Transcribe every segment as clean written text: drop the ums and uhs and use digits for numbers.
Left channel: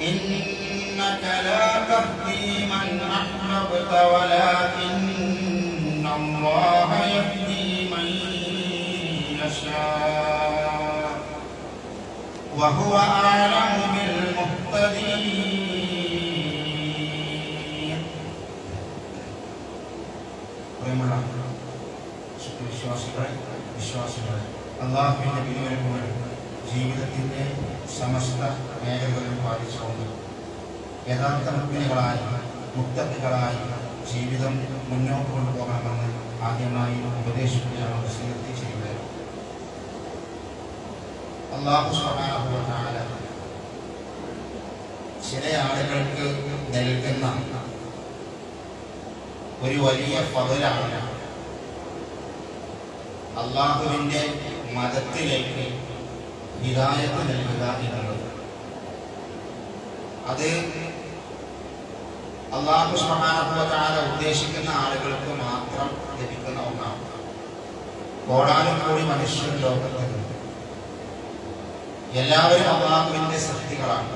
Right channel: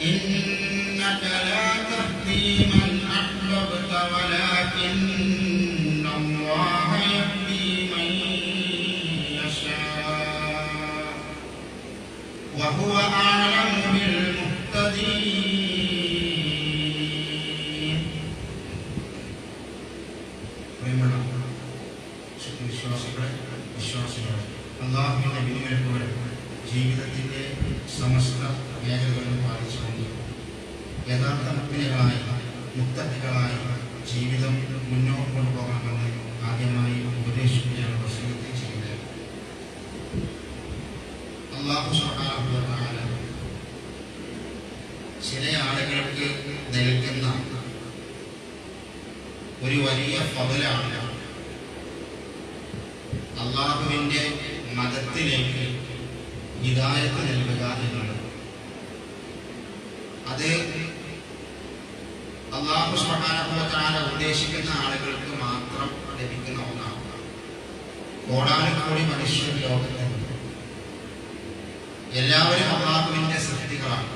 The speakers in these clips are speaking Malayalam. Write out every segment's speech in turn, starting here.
إنك لا تهدي من أحببت ولكن الله يهدي من يشاء وهو أعلم بالمهتدين. പ്രിയമുള്ള വിശ്വാസികളെ അല്ലാഹുവിന്റെ വിധിവിലക്കുകൾ ജീവിതത്തിന്റെ സമസ്ത മേഖലകളിലും പാലിച്ചുകൊണ്ട് യഥാർത്ഥ മുഅ്മിനുകളായി മുത്തഖികളായി ജീവിതം മുന്നോട്ട് കൊണ്ടുപോകണമെന്ന് ആദ്യമായി ഉപദേശിക്കുകയാണ് വസിയത്ത് ചെയ്യുന്നത്. അല്ലാഹു സുബ്ഹാനഹു വ തആല ചില ആളുകൾക്ക് നൽകുന്ന ഒരു വലിയ ഫളലാണ് അല്ലാഹുവിന്റെ മതത്തിലേക്ക് ഹിദായത്ത് നൽകുക എന്നുള്ളത്. അത് അല്ലാഹു സുബ്ഹാനഹു വ തആല ഉദ്ദേശിക്കുന്ന ആളുകൾക്ക് മാത്രം ലഭിക്കുന്ന ഒന്നാണ്. കോടാനുകോടി മനുഷ്യർ ലോകത്തുണ്ട്. എല്ലാവരും അല്ലാഹുവിന്റെ സൃഷ്ടികളാണ്.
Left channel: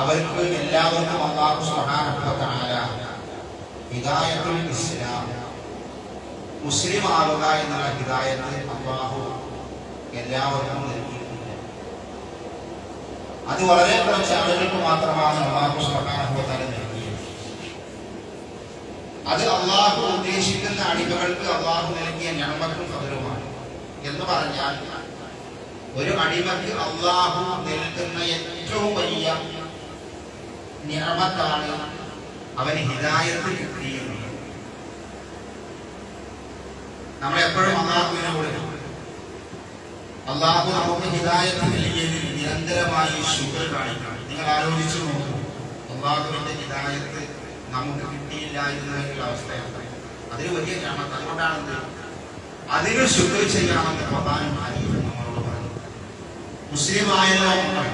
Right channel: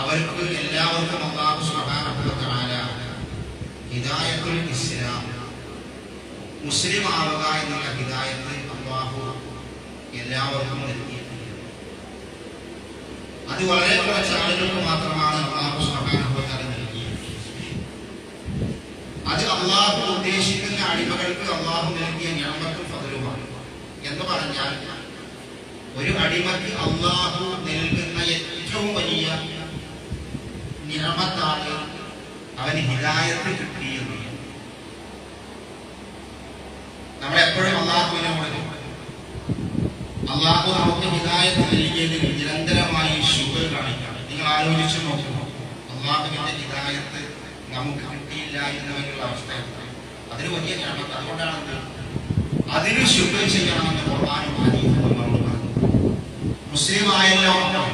അവർക്ക് എല്ലാവർക്കും അല്ലാഹു സുബ്ഹാനഹു വ തആല ഹിദായത്തുൽ ഇസ്ലാം മുസ്ലിം ആവുക എന്നുള്ള ഹിദായത്ത് അല്ലാഹു എല്ലാവർക്കും നൽകിയിട്ടുണ്ട്. അത് വളരെ കുറച്ച് ആളുകൾക്ക് മാത്രമാണ് അല്ലാഹു സുബ്ഹാനഹു വ തആല നൽകിയത്. അത് അല്ലാഹു ഉദ്ദേശിക്കുന്ന അടിമകൾക്ക് അല്ലാഹു നൽകിയ നിഅമത്തുൽ ഫദ്ലുമാണ്. എന്ന് പറഞ്ഞാൽ ഒരു അടിമക്ക് അല്ലാഹു നൽകുന്ന ഏറ്റവും വലിയ നിഅമത്താണ് അവന് ഹിദായത്ത് കിട്ടിയത്. നമ്മളെപ്പോഴും അല്ലാഹുവിനോട് അല്ലാഹു നമുക്ക് ഹിദായത്ത് നൽകിയതിൽ നിരന്തരമായി ശുക്ർ കാണിക്കണം. നിങ്ങൾ ആലോചിച്ചു നോക്കൂ, അല്ലാഹുവിന്റെ ഹിദായത്ത് നമുക്ക് കിട്ടിയില്ല എന്നുള്ള അവസ്ഥയാണ്. അതിന് വലിയ നിഅമത്ത്. അതുകൊണ്ടാണ് അതിന് ശുക്ർ ചെയ്യണമെന്ന് ഖുർആനും ഹദീസും നമ്മളോട് പറഞ്ഞു. മുസ്ലിം ആയല്ലോ നമ്മൾ,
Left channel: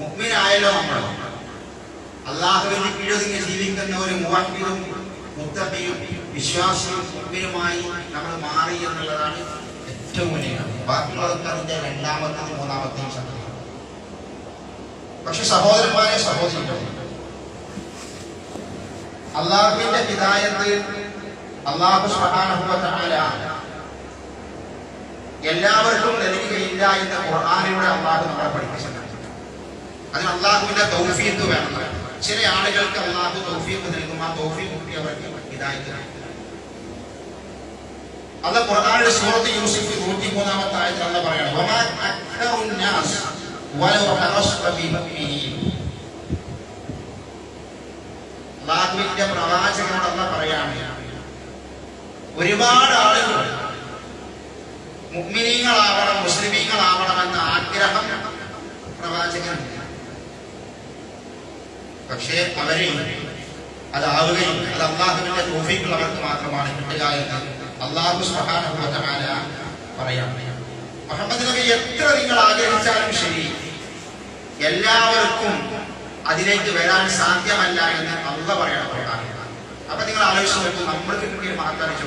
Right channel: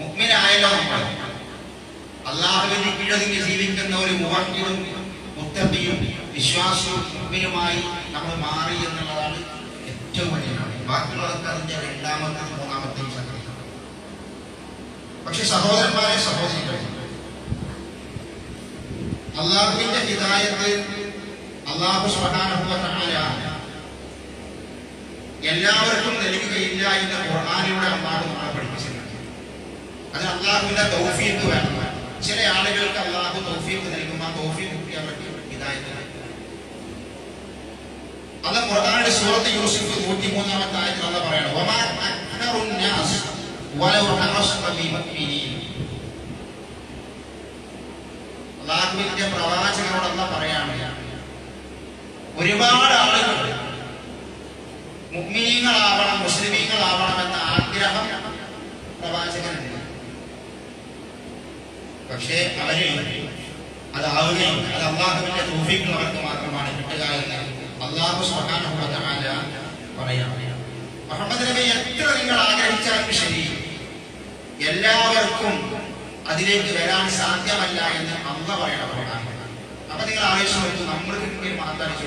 മുഅ്മിനായല്ലോ നമ്മൾ, അല്ലാഹുവിന്റെ കീഴൊതുങ്ങി ജീവിക്കുന്ന ഒരു മുവഹ്ഹിദും മുത്തഖിയും വിശ്വാസിയും മുഅ്മിനുമായി നമ്മൾ മാറി എന്നുള്ളതാണ് ഏറ്റവും വലിയ. ബാക്കിയുള്ളതൊക്കെ അതിന്റെ രണ്ടാമത്തെയും മൂന്നാമത്തെയും സംഗതിയാണ്. പക്ഷെ സഹോദരന്മാരെ, സഹോദരികളെ, അല്ലാഹുവിന്റെ ഹിദായത്ത് അല്ലാഹു സുബ്ഹാനഹു വ തആല എല്ലാവർക്കും നൽകുകയില്ല എന്ന് ഖുർആനിലൂടെ അല്ലാഹു നമ്മളെ പഠിപ്പിച്ചിട്ടുണ്ട്. അതിന് അല്ലാഹുവിന്റെ തൗഫീഖ് വേണം. ചില ആളുകൾക്ക് അല്ലാഹു തൗഫീഖ് നൽകുമ്പോൾ തൗഫീഖ് കിട്ടി അവർക്ക് ഹിദായത്ത്. അല്ലാഹു ഖുർആനിലെ സൂറത്ത് യൂസുഫ് 103-ാമത്തെ ആയത്തിൽ അല്ലാഹു പറയാണ്, വമാ അക്തറുൻ നാസ് വലൗ ഹറസ്ത ബിമുഅ്മിനീൻ. അല്ലാഹുവിന്റെ പ്രവാചകനോട് അല്ലാഹു പറയാണ്, ഒരുപാട് ആളുകൾ മുഅ്മിനീങ്ങളാവണം, മുസ്ലിമീങ്ങളാവണമെന്ന ആഗ്രഹം പ്രവാചകനുണ്ട്. പക്ഷേ അവര് അതാവുകയും അത് അല്ലാഹുവിന്റെ തൗഫീഖ് അവർക്ക് മാത്രമാണ് കിട്ടുക എന്ന് അല്ലാഹു സുബ്ഹാനഹു വ തആല പറയാണ്. മുഹമ്മദ് നബി എത്ര നിങ്ങൾ ആഗ്രഹിച്ചാലും ശരി, എല്ലാവർക്കും അതിലേക്ക് വരാൻ സാധ്യമല്ല എന്ന് അല്ലാഹു പറയണം. അപ്പൊ നിങ്ങൾ ആലോചിച്ച് നോക്കൂ, നമ്മൾക്ക് കിട്ടിയ മഹത്താനിച്ചു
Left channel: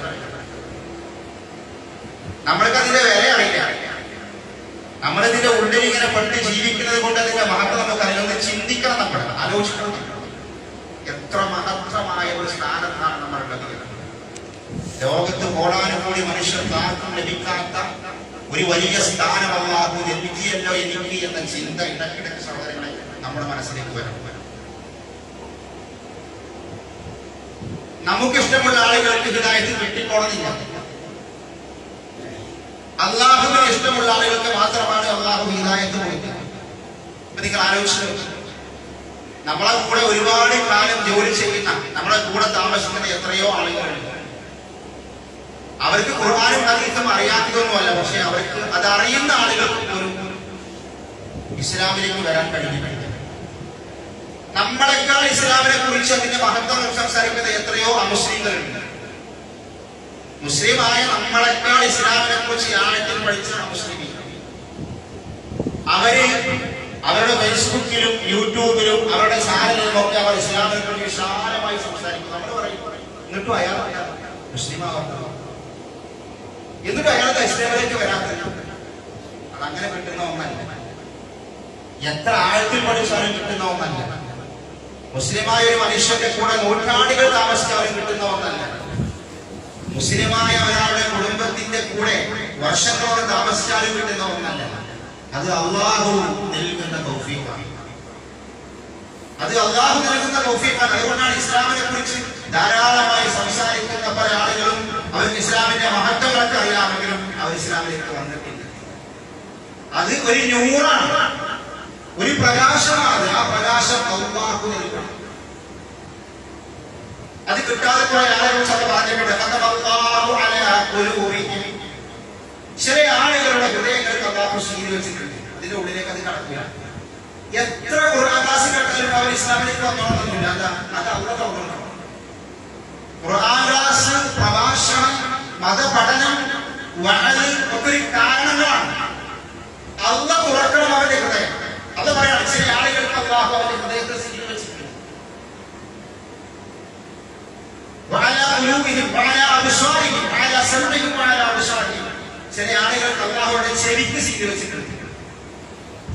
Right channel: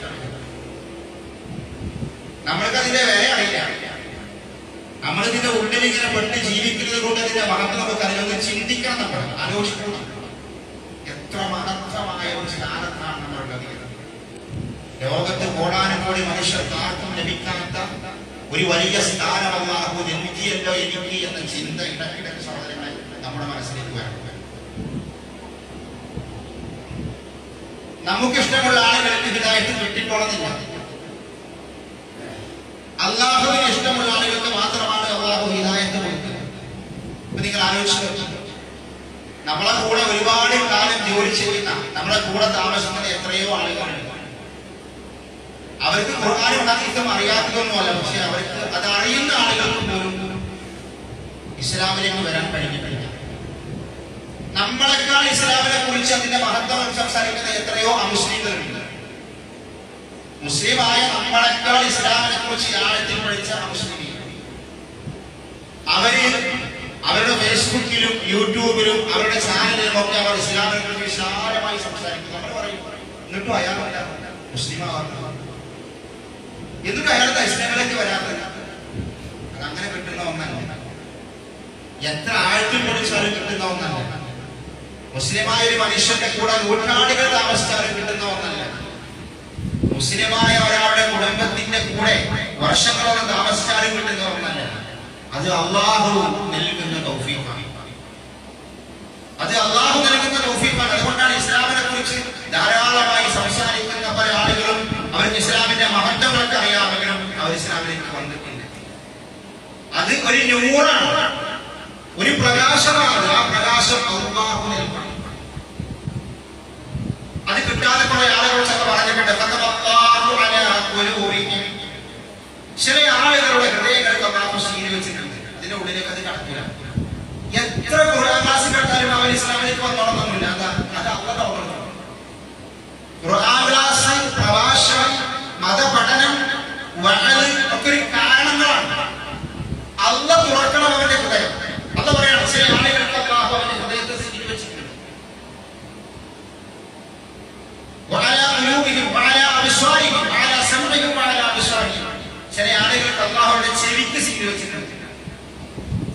നമ്മൾക്ക് അതിന്റെ വില അറിയില്ല. നമ്മളിതിന്റെ ഉള്ളിൽ ഇങ്ങനെ പെട്ട് ജീവിക്കുന്നത് കൊണ്ട് അതിന്റെ മഹത്വം നമുക്ക് അതിലൊന്ന് ചിന്തിക്കണം. നമ്മൾ ആലോചിക്കണം, എത്ര മഹത്തമായ ഒരു സ്ഥാനത്താണ് നമ്മളുള്ളത്. ലോകത്ത് കോടാനുകോടി മനുഷ്യർക്ക് ആർക്കും ലഭിക്കാത്ത ഒരു വലിയ സ്ഥാനം അല്ലാഹു നൽകിയല്ലോ എനിക്ക് എന്ന ചിന്ത ഇടയ്ക്കിടയ്ക്ക് സഹോദരങ്ങളെ നമ്മുടെ മനസ്സിലേക്ക് വരണം. നമുക്കിഷ്ടമുള്ള ആളുകൾക്ക് ഹിദായത്ത് കിട്ടിക്കോണമെന്നില്ല. അല്ലാഹുവിന് ഇഷ്ടമുള്ള ആളുകൾക്ക് മാത്രമാണ് അല്ലാഹു ഹിദായത്ത് കൊടുക്കുന്നത്. ഇപ്പൊ നിങ്ങൾ ആലോചിച്ചു, നമ്മളെ കൂടെ ഒരുപാട് കാലം ജോലി ചെയ്യുന്ന, നമ്മളെ കൂടെ താമസിക്കുന്ന എത്രയോ ആളുകളുണ്ട്. അവർക്ക് ഖുർആനും ഹദീസും അറിയാത്തതൊന്നുമല്ല, പക്ഷെ അവർക്ക് അത് അറിയുന്ന ആളുകൾക്ക് പോലും ഇസ്ലാമിലേക്ക് വരാൻ കഴിഞ്ഞിട്ടില്ല. നമ്മളെക്കാൾ ഇസ്ലാമിനെ കുറിച്ച് അതിന്റെ മഹത്വം സംസാരിക്കുന്ന എത്രയോ അമുസ്ലിങ്ങളുണ്ട്. മുസ്ലിമായ നമ്മളെക്കാൾ ഇസ്ലാമിനെ കുറിച്ച് ആഴത്തിൽ പഠിച്ച മുസ്ലിമീങ്ങൾ അവര് അവരുടെ ഫേസ്ബുക്കിലും യൂട്യൂബിലും അവരുടെ ചാനലിലും ഒക്കെ അവർ ഇസ്ലാമിനെ കുറിച്ച് വിശാലമായി സംസാരിക്കും. നമ്മൾ പറയും, എന്നിട്ടും അയാൾ മുസ്ലിമാവാത്ത, എന്നിട്ടും അയാൾക്ക് ഇസ്ലാമിലേക്ക് വരാത്തത്. അതങ്ങനെ കിട്ടുന്ന ഒന്നല്ല. എത്ര ആഴത്തിൽ പഠിച്ചാലും കിട്ടുന്ന ഒന്നല്ല. മുസ്ലിമായ ഒരു മനുഷ്യന്റെ കൂടെ നൂറ്റാണ്ടുകൾ താമസിച്ചാലും കിട്ടുന്ന ഒന്നല്ല. മുസ്ലിമായ ഒരാളുടെ കുടുംബത്തിന്റെ കൂടെ വർഷങ്ങളോടെ താമസിച്ചാലും കിട്ടുന്ന ഒന്നല്ല. അത് അള്ളാഹു നൽകുന്ന തൗഫീഖാണ്. അത് അള്ളാഹു നൽകുന്ന തൗഫീഖാണ്. അതുകൊണ്ടാണ് ഇസ്ലാമിനെ കുറിച്ച് ധാരാളമായി സംസാരിക്കുന്ന പല ആളുകളും അവർക്ക് ഇസ്ലാമിന്റെ മഹത്വങ്ങളൊക്കെ അറിയാമെങ്കിലും അവർ ഇസ്ലാമിലേക്ക് വന്നിട്ടില്ല. അത് ഒരു നൂറാണ്, ഒരു പ്രകാശമാണ്. ആ പ്രകാശം അള്ളാഹു നൽകണം. അത് കിട്ടാതെ കുറെ ആളുകൾ പറഞ്ഞിട്ടുണ്ട്. ചില ആളുകളുടെ ഹൃദയങ്ങൾക്ക് അള്ളാഹു ശീലി വെച്ചിട്ടുണ്ട്. അതിന്റെ ഉള്ളിലേക്ക് അത് കടക്കില്ല. എത്ര ഖുർആൻ ക്ലാസ് കേട്ടാലും അവർ ഇസ്ലാമിലേക്ക് വന്നോളന്നില്ല. അത് അള്ളാഹ് തുറക്കണം. ഖുർആൻ ക്ലാസ്, പ്രഭാഷണം, മതപഠനം, വഅദ് ഒക്കെ ഒരു കാരണങ്ങളാണ്. അള്ളാഹ് തുറക്കണം അവരുടെ ഹൃദയം. അള്ളാഹ് പറയാണ് ചില ആളുകൾക്ക് അള്ളാഹു അവരുടെ ഹൃദയത്തെ ശീലി വെച്ചിട്ടുണ്ട്. ചില ആളുകൾക്ക് അള്ളാഹുവിന്റെ ചെവിക്ക് സീല് വെച്ചിട്ടുണ്ട്.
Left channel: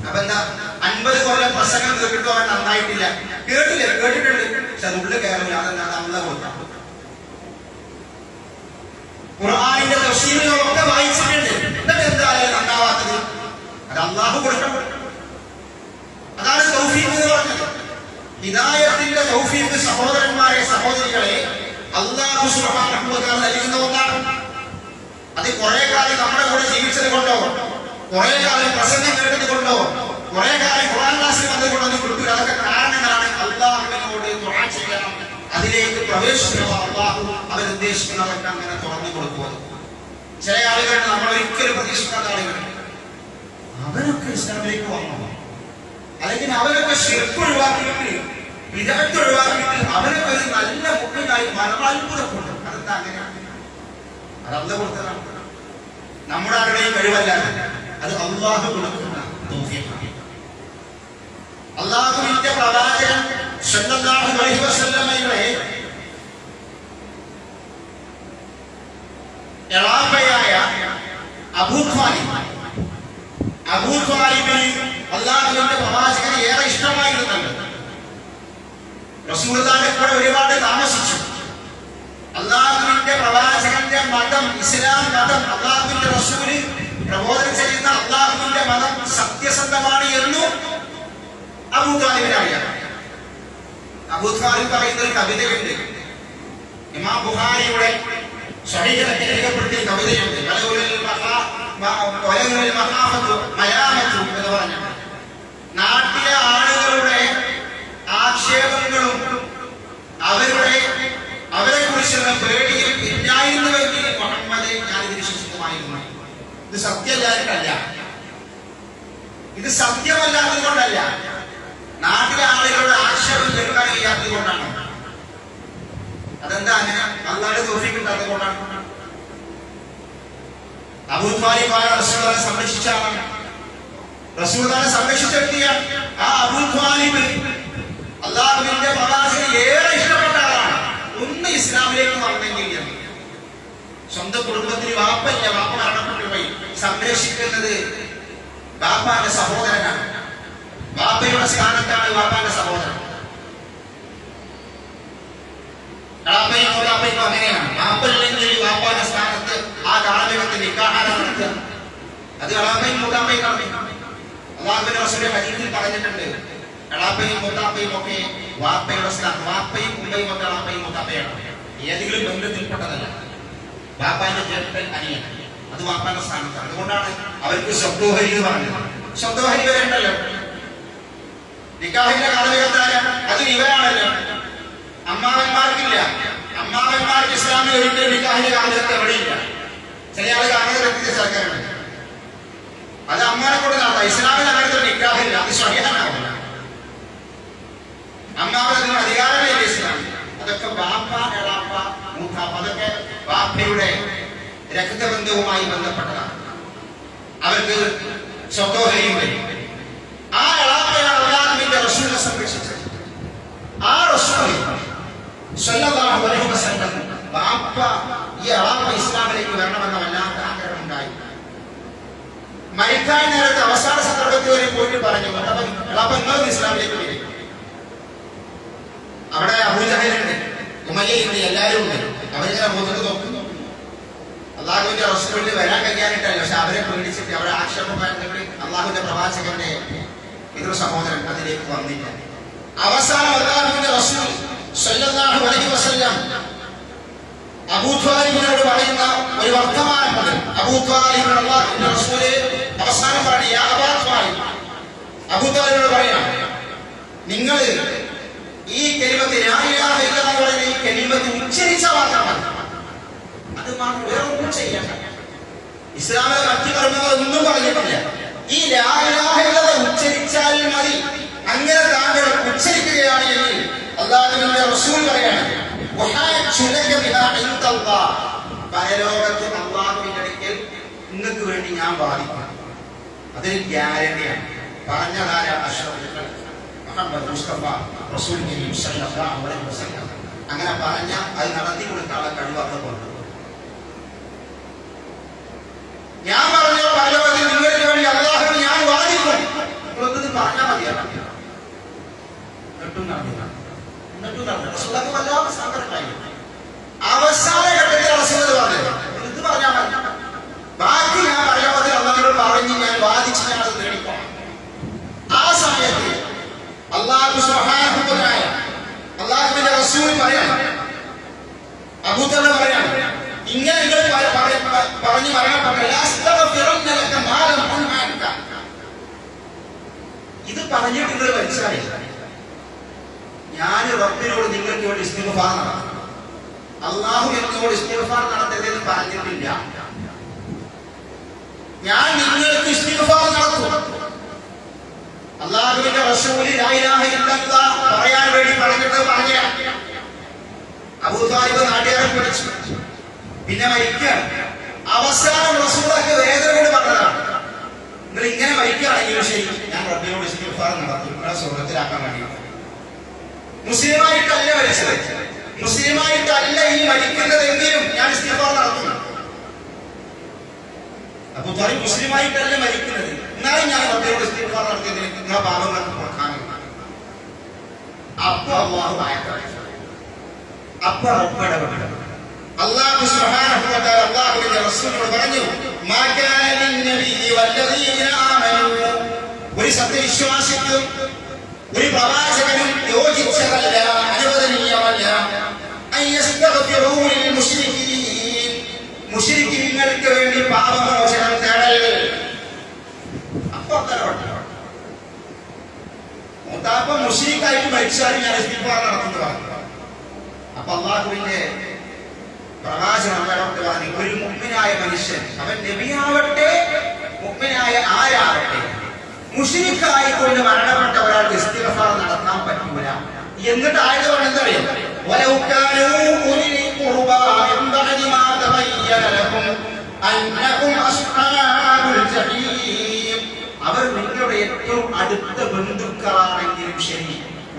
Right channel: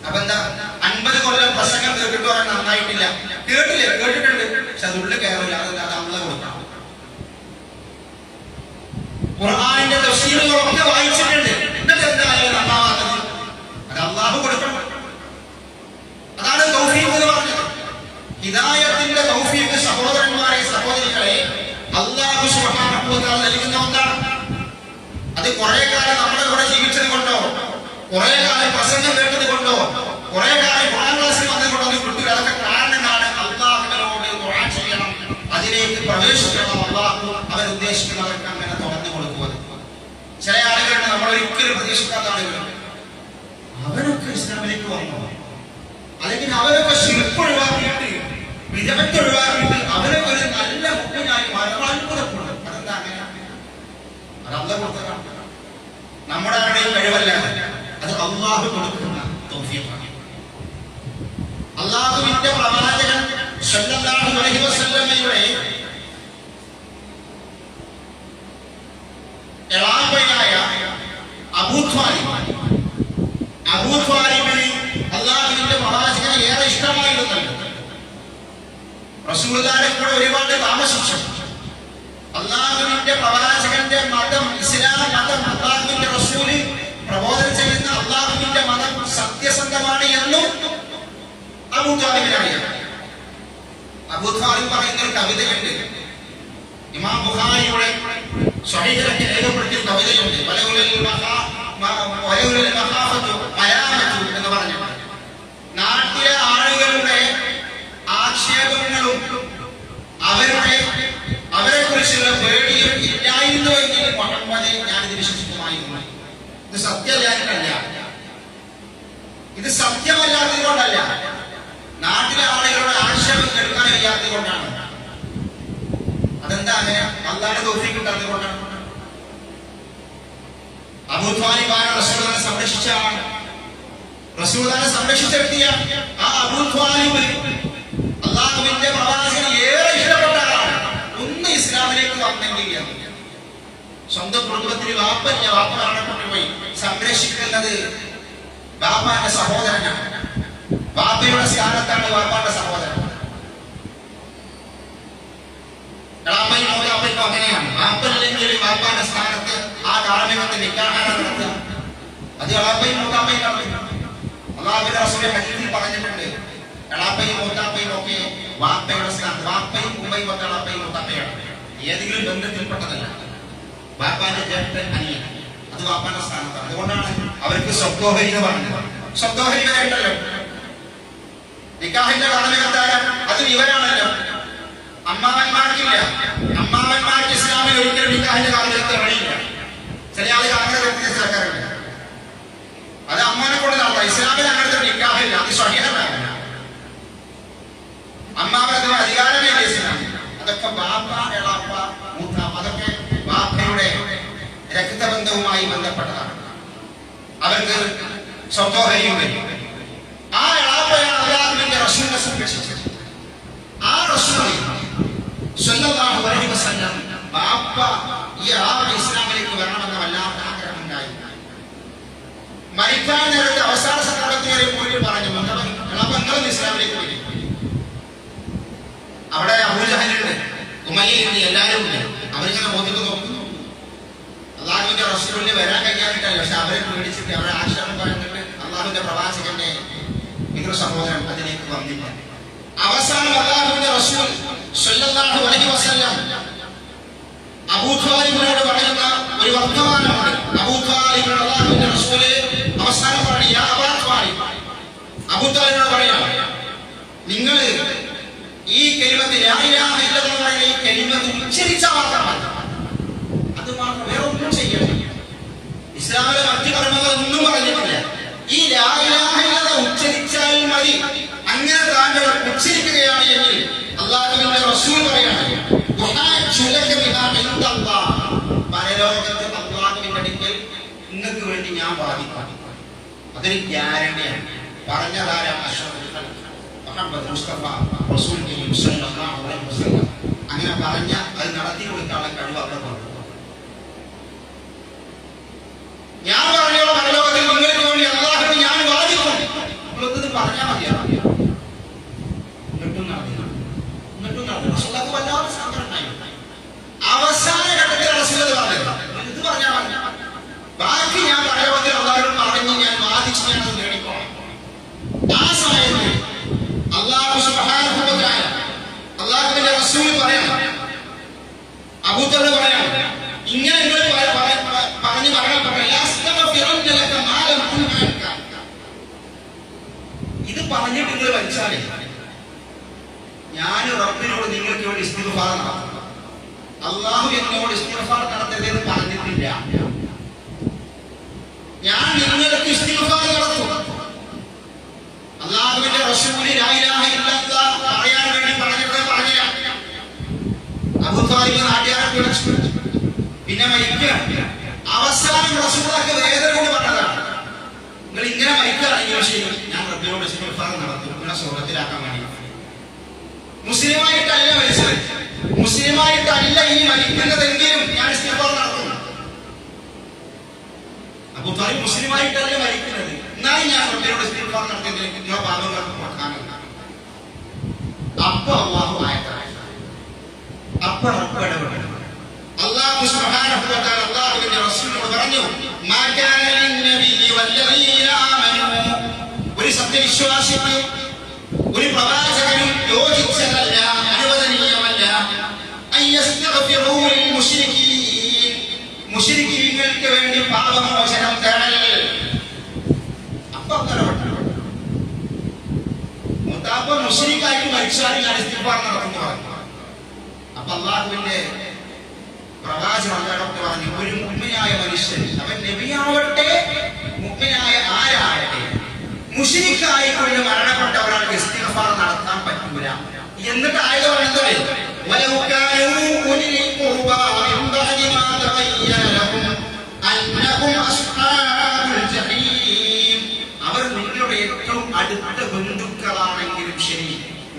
അപ്പൊ എന്താ, 50 കൊല്ലം പ്രസംഗം കേട്ടിട്ട് അവൻ നന്നായിട്ടില്ല. കേട്ടിട്ടുണ്ട്, പക്ഷെ അത് ഉള്ളിൽ കയറില്ല. അതല്ലാതെ അള്ളാഹ് കൊടുക്കാം. ഖുർആനിന്റെ തഫ്സീറുകളൊക്കെ വായിച്ചിട്ടുണ്ട്, എന്നിട്ട് എന്താ നന്നാവാത്തത്? അത് അള്ളാഹു കൊടുക്കണം. അതാണ് തൗഫീഖ് എന്ന് പറഞ്ഞത്. ഹിദായത്തിന്റെ തൗഫീഖ് സഹോദരന്മാരെ, സഹോദരികളെ, അല്ലാഹു സുബ്ഹാനഹു വ തആല നൽകുന്ന ഒന്നാണ്. അത് കുറെ കാലം നമ്മുടെ കൂടെ ജീവിച്ചത് കൊണ്ടോ, കുറെ കാലം പ്രസംഗം കേട്ടത് കൊണ്ടോ, കുറെ കാലം ഖുർആൻ ക്ലാസ്സിൽ വന്നത് കൊണ്ടോ ഒന്നും കിട്ടൂല. അതൊക്കെ കാരണങ്ങളാണ്. അല്ലാഹുവിനോട് ദുആ ചെയ്യണം, അതിലേക്ക് പ്രവേശിക്കണം. അല്ലാഹു അവൻ ഉദ്ദേശിക്കുന്നവർക്ക് അങ്ങനെ തുറന്നു കൊടുക്കുന്നത്. ചില ആളുകളുണ്ട്, നമ്മൾ ഒരിക്കലും പ്രതീക്ഷിക്കാത്ത ആളുകളുണ്ട്. അവനൊക്കെ ഇസ്ലാമിലേക്ക് വന്നു, അല്ലെങ്കിൽ അവരൊക്കെ ശിർക്ക് ഒഴിവാക്കിയിട്ട്, വിദഅത്ത് ഒഴിവാക്കിയിട്ട് അവരൊക്കെ ഒരു നല്ല മുഖ്യനായി അത്ഭുതപ്പെട്ടു. അതെന്താ അങ്ങനെ? അത് അല്ലാഹു കൊടുത്തതാണ്. നമ്മുടെ ആരുടെയും കഴിവല്ല, അത് അല്ലാഹു കൊടുക്കുന്ന തൗഫീഖാണ്. അല്ലാഹുവിന്റെ പ്രവാചകൻ സല്ലല്ലാഹു അലൈഹി വസല്ലമയുടെ എളാപ്പയായ അബൂ ത്വാലിബിന് അല്ലാഹുവിന്റെ പ്രവാചകനെ ഏറെ ഇഷ്ടമായിരുന്നല്ലോ. റസൂലുള്ളാഹിന്റെ കൂടെ ഒരുപാട് താമസിച്ചു. അല്ലാഹുവിന്റെ പ്രവാചകന്റെ മതം, ഇസ്ലാം മതം, അല്ലാഹുവിന്റെ റസൂല് പ്രബോധനം ചെയ്യുന്ന അല്ലാഹുവിന്റെ മതം സത്യസന്ധമാണ് എന്നും അബൂ ത്വാലിബിന് അറിയാം. അബൂ ത്വാലിബ് പറയുന്ന ഒരു കവിതയുണ്ട്. ഇമാം ബുഖാരിയുടെ സ്വഹീഹിലൊക്കെ രേഖപ്പെടുത്തിയ കവിതയുണ്ട്. എന്ന് പറഞ്ഞു, നാട്ടിലെ ആളുകളുടെ ആക്ഷേപങ്ങളും അവരെ കുറിച്ചുള്ള പേടിയും ഇല്ലായിരുന്നുവെങ്കിൽ മുഹമ്മദെ ഞാനിത് വിശ്വസിക്കുമായിരുന്നു. ഇത് സത്യമല്ലാതിട്ടല്ല, ഇത് സത്യമല്ലാത്തത് കൊണ്ടല്ല, നാട്ടിലെ ആളുകളുടെ ആക്ഷേപം കേൾക്കാൻ വയ്യാത്തത് കൊണ്ടാണ്. അതെന്താ അങ്ങനെ? അല്ലാഹുവിന്റെ തൗഫീഖ് കിട്ടാത്തത് കൊണ്ടാണ്. അബൂ ത്വാലിബ് റസൂലുള്ളാഹിനെ സംരക്ഷിച്ച ആളാണ്, റസൂലുള്ളാഹിനെ സംരക്ഷിച്ച വ്യക്തിയാണ്. ആ അബൂ ത്വാലിബ് അല്ലാഹുവിന്റെ പ്രവാചകനെ ഏറെ ഇഷ്ടപ്പെട്ട ആളാണ്. ഒന്ന് ഇസ്ലാമിലേക്ക് വന്നെങ്കിൽ എന്ന്. സ്വന്തം കുടുംബത്തിന് വാപ്പല്ല, വാപ്പ മരണപ്പെട്ടു പോയി. സംരക്ഷിക്കുന്നത് വാപ്പാന്റെ സഹോദരനാണ്. വാപ്പയുടെ സ്ഥാനത്താണ് വാപ്പാന്റെ സഹോദരൻ. എളാപ്പയും മൂത്താപ്പയും അങ്ങനെയാണ്. വാപ്പല്ലെങ്കിൽ വാപ്പാന്റെ സ്ഥാനത്ത് ആ കാർമ്മികത്തിൽ നിക്കാഹാര നടത്തുക. അത് എളാപ്പയും മൂത്താപ്പയും നടത്തും. അല്ലാഹുവിന്റെ റസൂൽ ഹദീസിൽ പറഞ്ഞിട്ടുണ്ട്, എളാപ്പയും മൂത്താപ്പയും ഒക്കെ വാപ്പയുടെ സ്ഥാനത്ത്. വാപ്പയും ഉമ്മയും ഒക്കെ എളാപ്പയും മൂത്താപ്പയാണ്. ഏതെങ്കിലും ബന്ധത്തിൽപ്പെട്ടതല്ല. വാപ്പാന്റെ ജ്യേഷ്ഠൻ, അനിയൻ, അത് വാപ്പാന്റെ സ്ഥാനത്താണ്. അതുകൊണ്ടാണ് അവർക്ക് സ്വത്തോഹരി എന്ന് പറഞ്ഞത്. സ്വത്തോഹരി വരെ ഉണ്ടല്ലോ. നിക്കാഹിന്റെ കാർമ്മികത്താരാണ്? അതും ഇവരാണല്ലോ. അമ്മാവന്മാർക്കില്ല. അമ്മാവന്മാർക്ക് ഇസ്ലാമിൽ ഒരിക്കലും നിക്കാഹിന്റെ കാർമ്മികത്തെ വഴിയില്ല. ചില ആളുകൾ അങ്ങനെ വ്യക്തി ചേർക്കാറുണ്ട്. അത് അമ്മാനെ കൊണ്ട് നടത്താം. ഇസ്ലാമിൽ അങ്ങനത്തെ നിക്കാഹില്ല, അത് സ്വഹീഹനാവില്ല. അമ്മാവനത്തിന് അധികാരമേ ഇല്ല ഇസ്ലാമിൽ. അതൊക്കെ വാപ്പ, എളാപ്പ, മൂത്താപ്പ, അതൊക്കെ വാപ്പയുടെ രക്തബന്ധവുമായി ബന്ധപ്പെട്ടതാണ്. അവർക്ക് സ്വത്തോഹരിയും വരും. ആ എളാപ്പയാണ് അല്ലാഹുവിന്റെ റസൂലിനെ സംരക്ഷിച്ചത്. ആ റസൂൽ സ്വല്ലല്ലാഹു അലൈഹി വസല്ലം വാപ്പ ഈ എളാപ്പ ഇസ്ലാമിലേക്ക് വരണമെന്ന വല്ലാത്ത ആഗ്രഹം ഉണ്ടായി. മരിക്കാൻ നേരത്തെ അവസാന സന്ദർഭത്തിൽ വരെ പോയിട്ട് പറഞ്ഞു, അപ്പൊ നിങ്ങളും ഇസ്ലാമിലേക്ക് വരും. അവിടെ അബൂജഹലുണ്ട്, ഉമയ്യയുണ്ട്, എല്ലാവരും ഉണ്ട്. അവരിങ്ങനെ ബോധിക്ക് നോക്കുന്നു. അള്ളാഹുവിന്റെ റസൂലിന് വരാൻ കഴിയാനിട്ടല്ല, പക്ഷെ അവരെ പേടിച്ചിട്ട് അവരെ ആശ്രമം കണ്ടിട്ട് അള്ളാഹുവിന്റെ പ്രവാചകന്റെ പിതൃ സഹോദരൻ അതിലേക്ക് വന്നില്ല. അവസാനം അള്ളാഹുവിന്റെ റസൂൽ സ്വല്ലല്ലാഹു അലൈഹി വസല്ലം അബൂ ത്വാലിബിനോട് പറയുന്ന ഒരു വർത്തമാനമുണ്ട്. അബൂ ത്വാലിബിനോട് അള്ളാഹുവിന്റെ റസൂല് അവസാനം പറഞ്ഞു, യാ അബാ ത്വാലിബ്, അബൂ ത്വാലിബിനോട് പറയാം, നിങ്ങൾ ഈ കലിമത്ത് ലാ ഇലാഹ ഇല്ലല്ലാഹ് എന്ന് പറയുന്ന ഈ കലിമത്ത് ഉച്ചരിച്ചാൽ മാത്രം മതി. അത് മാത്രം, വേറെ ഒന്നും ചെയ്യണ്ട. ഇസ്ലാമിലെ മറ്റു കർമ്മങ്ങളൊന്നും പറഞ്ഞിട്ടില്ല. ഈ ലാ ഇലാഹ ഇല്ലല്ലാഹ് ഉച്ചരിച്ചാൽ മതി. അങ്ങനെ താങ്കൾ ഉച്ചരിക്കുകയാണ് എങ്കിൽ അല്ലാഹുവിന്റെ റസൂൽ പറയാണ്, പരലോകത്ത് അല്ലാഹുവിന്റെ അടുക്കൽ നിങ്ങൾക്ക് വേണ്ടി ഞാൻ വാദിക്കാം. അതൊരു ഗ്യാരണ്ടിയാണ്. പറഞ്ഞതാര അഷ്റഫുൽ ഖൽഖ് മുഹമ്മദ് മുസ്തഫ റസൂൽ കരീം സല്ലല്ലാഹു അലൈഹി വസല്ലം. അങ്ങനെ പറഞ്ഞ അത് നടത്തി കൊടുക്കാനുള്ള കഴിവൊക്കെ കൊണ്ട് ഞാൻ പറഞ്ഞോ, പരലോകത്തിൽ നിങ്ങൾക്ക് വേണ്ടി അല്ലാഹുവിന് ഞാൻ വാദിക്കും. നിങ്ങളൊന്നും പറഞ്ഞാൽ മതിയാണ്. എന്നിട്ടും നടന്നില്ല. റസൂലുള്ളാഹിക്ക് വല്ലാതെ സങ്കടം ഉണ്ടായി. അവസാന ഘട്ടത്തിൽ റസൂൽ പറഞ്ഞത്, ഇത് പറഞ്ഞാൽ മതി, ബാക്കി ഞാൻ പരലോകത്തിൽ അല്ലാഹുവിനോട് പറഞ്ഞ് ഞാൻ വാദിച്ച് ഞാൻ അത് നേടിക്കോളാം. ആ സമയത്ത് അല്ലാഹു സുബ്ഹാനഹു വ തആല അല്ലാഹുവിന്റെ റസൂൽ പറയാണ്, അബൂ തആല പറയാണ്, ഇങ്ങനെ നിങ്ങൾ പറഞ്ഞു മരണപ്പെട്ട ഇത് പറഞ്ഞിട്ട് നിങ്ങൾ മരിച്ചാലേ ഞാൻ റബ്ബിനോട് നിങ്ങൾക്ക് വേണ്ടി ഇസ്തിഗ്ഫാർ നടത്തണം. അല്ലാഹു എന്നോട് ഇസ്തിഗ്ഫാർ നടത്തരുതെന്ന് പറഞ്ഞിട്ടില്ല. ഞാൻ നിങ്ങൾക്ക് ഇസ്തിഗ്ഫാർ നടത്തും. അല്ലാഹുവിന്റെ റസൂൽ ലാ ഇലാഹ ഇല്ലല്ലാഹ് പറയാൻ വേണ്ടി പറഞ്ഞിട്ട് പറഞ്ഞ അബൂ ത്വാലിബ് നാട്ടുകാരെ വിളിച്ചു. പിന്നെ മരിക്കുകയാണ്. അവസാനം റസൂലുള്ളാഹിക്ക് വേദന കൊണ്ട് പറഞ്ഞതാണ്, നിങ്ങൾ ഇങ്ങനെ മരിക്കുകയാണെങ്കിൽ ശരി, ഞാൻ റബ്ബിനോട് ഇസ്തിഗ്ഫാർ നടത്തും നിങ്ങളെ സ്വർഗ്ഗത്തിലാക്കാൻ വേണ്ടി. മുസ്ലിമായിട്ടല്ല മരിച്ചത്, മുസ്ലിമായിട്ടല്ല ഈ മരിക്കുന്നതെങ്കിലും ഞാൻ ഇസ്തിഗ്ഫാർ നടത്തും. അബൂ ത്വാലിബ് മുസ്ലിമായിട്ടല്ല മരിക്കുന്നത്, എന്നാലും ഞാൻ റബ്ബിനോട് ഇസ്തിഗ്ഫാർ നടത്തിയെങ്കിലും നിങ്ങളെ പാപങ്ങൾക്ക് കൊടുക്കാനില്ല. അപ്പൊ അല്ലാഹു ആയത്തായി, അപ്പൊ റബ്ബ് ഇടപെടും. അല്ലാഹു സുബ്ഹാനഹു വ തആല അല്ലാഹുവിന്റെ റസൂലിനോട് പറഞ്ഞു, മാ കാന ലിന്നബിയ്യി വല്ലദീന ആമനൂ, ഒരു സത്യവിശ്വാസിക്കും ഒരു പ്രവാചകനും യോജിച്ചതല്ല, അനുവദനീയമല്ല, അയ്യസ്തഗ്ഫിറൂ ലിൽ മുശ്രികീൻ, മുശ്രികീങ്ങൾക്ക് വേണ്ടി പാപമോചനം തേടൽ. അപ്പോൾ മുത്താപ്പ മുശ്രിക്കായിട്ട് മരിച്ചാലും ഞാൻ ഇസ്തിഗ്ഫാർ നടത്തുന്നു പറഞ്ഞു. അപ്പൊ അല്ലാഹുവിന്റെ പ്രവാചകൻ അല്ലാഹുവിനോട് പറഞ്ഞു, ഒരു മുഅ്മിനായ മനുഷ്യൻ, അവൻ നബിയാവട്ടെ മുഅ്മിനായ ആരാവട്ടെ, മുശ്രിക്കായി കൊണ്ട് മരണപ്പെട്ട ഒരാൾക്ക് ഇസ്തിഗ്ഫാർ നടത്താൻ പറ്റൂല. എന്നിട്ട് ആയത് പറയുന്നത്, വലൗ കാനൂ ഉലിൽ ഖുർബാ മിൻ ബഅദി മാ തബയ്യന ലഹും അന്നഹും അസ്ഹാബുൽ ജഹീം, അവർ നിങ്ങളുടെ ഏറ്റവും അടുത്ത ബന്ധുക്കളാണെങ്കിലും ശരി,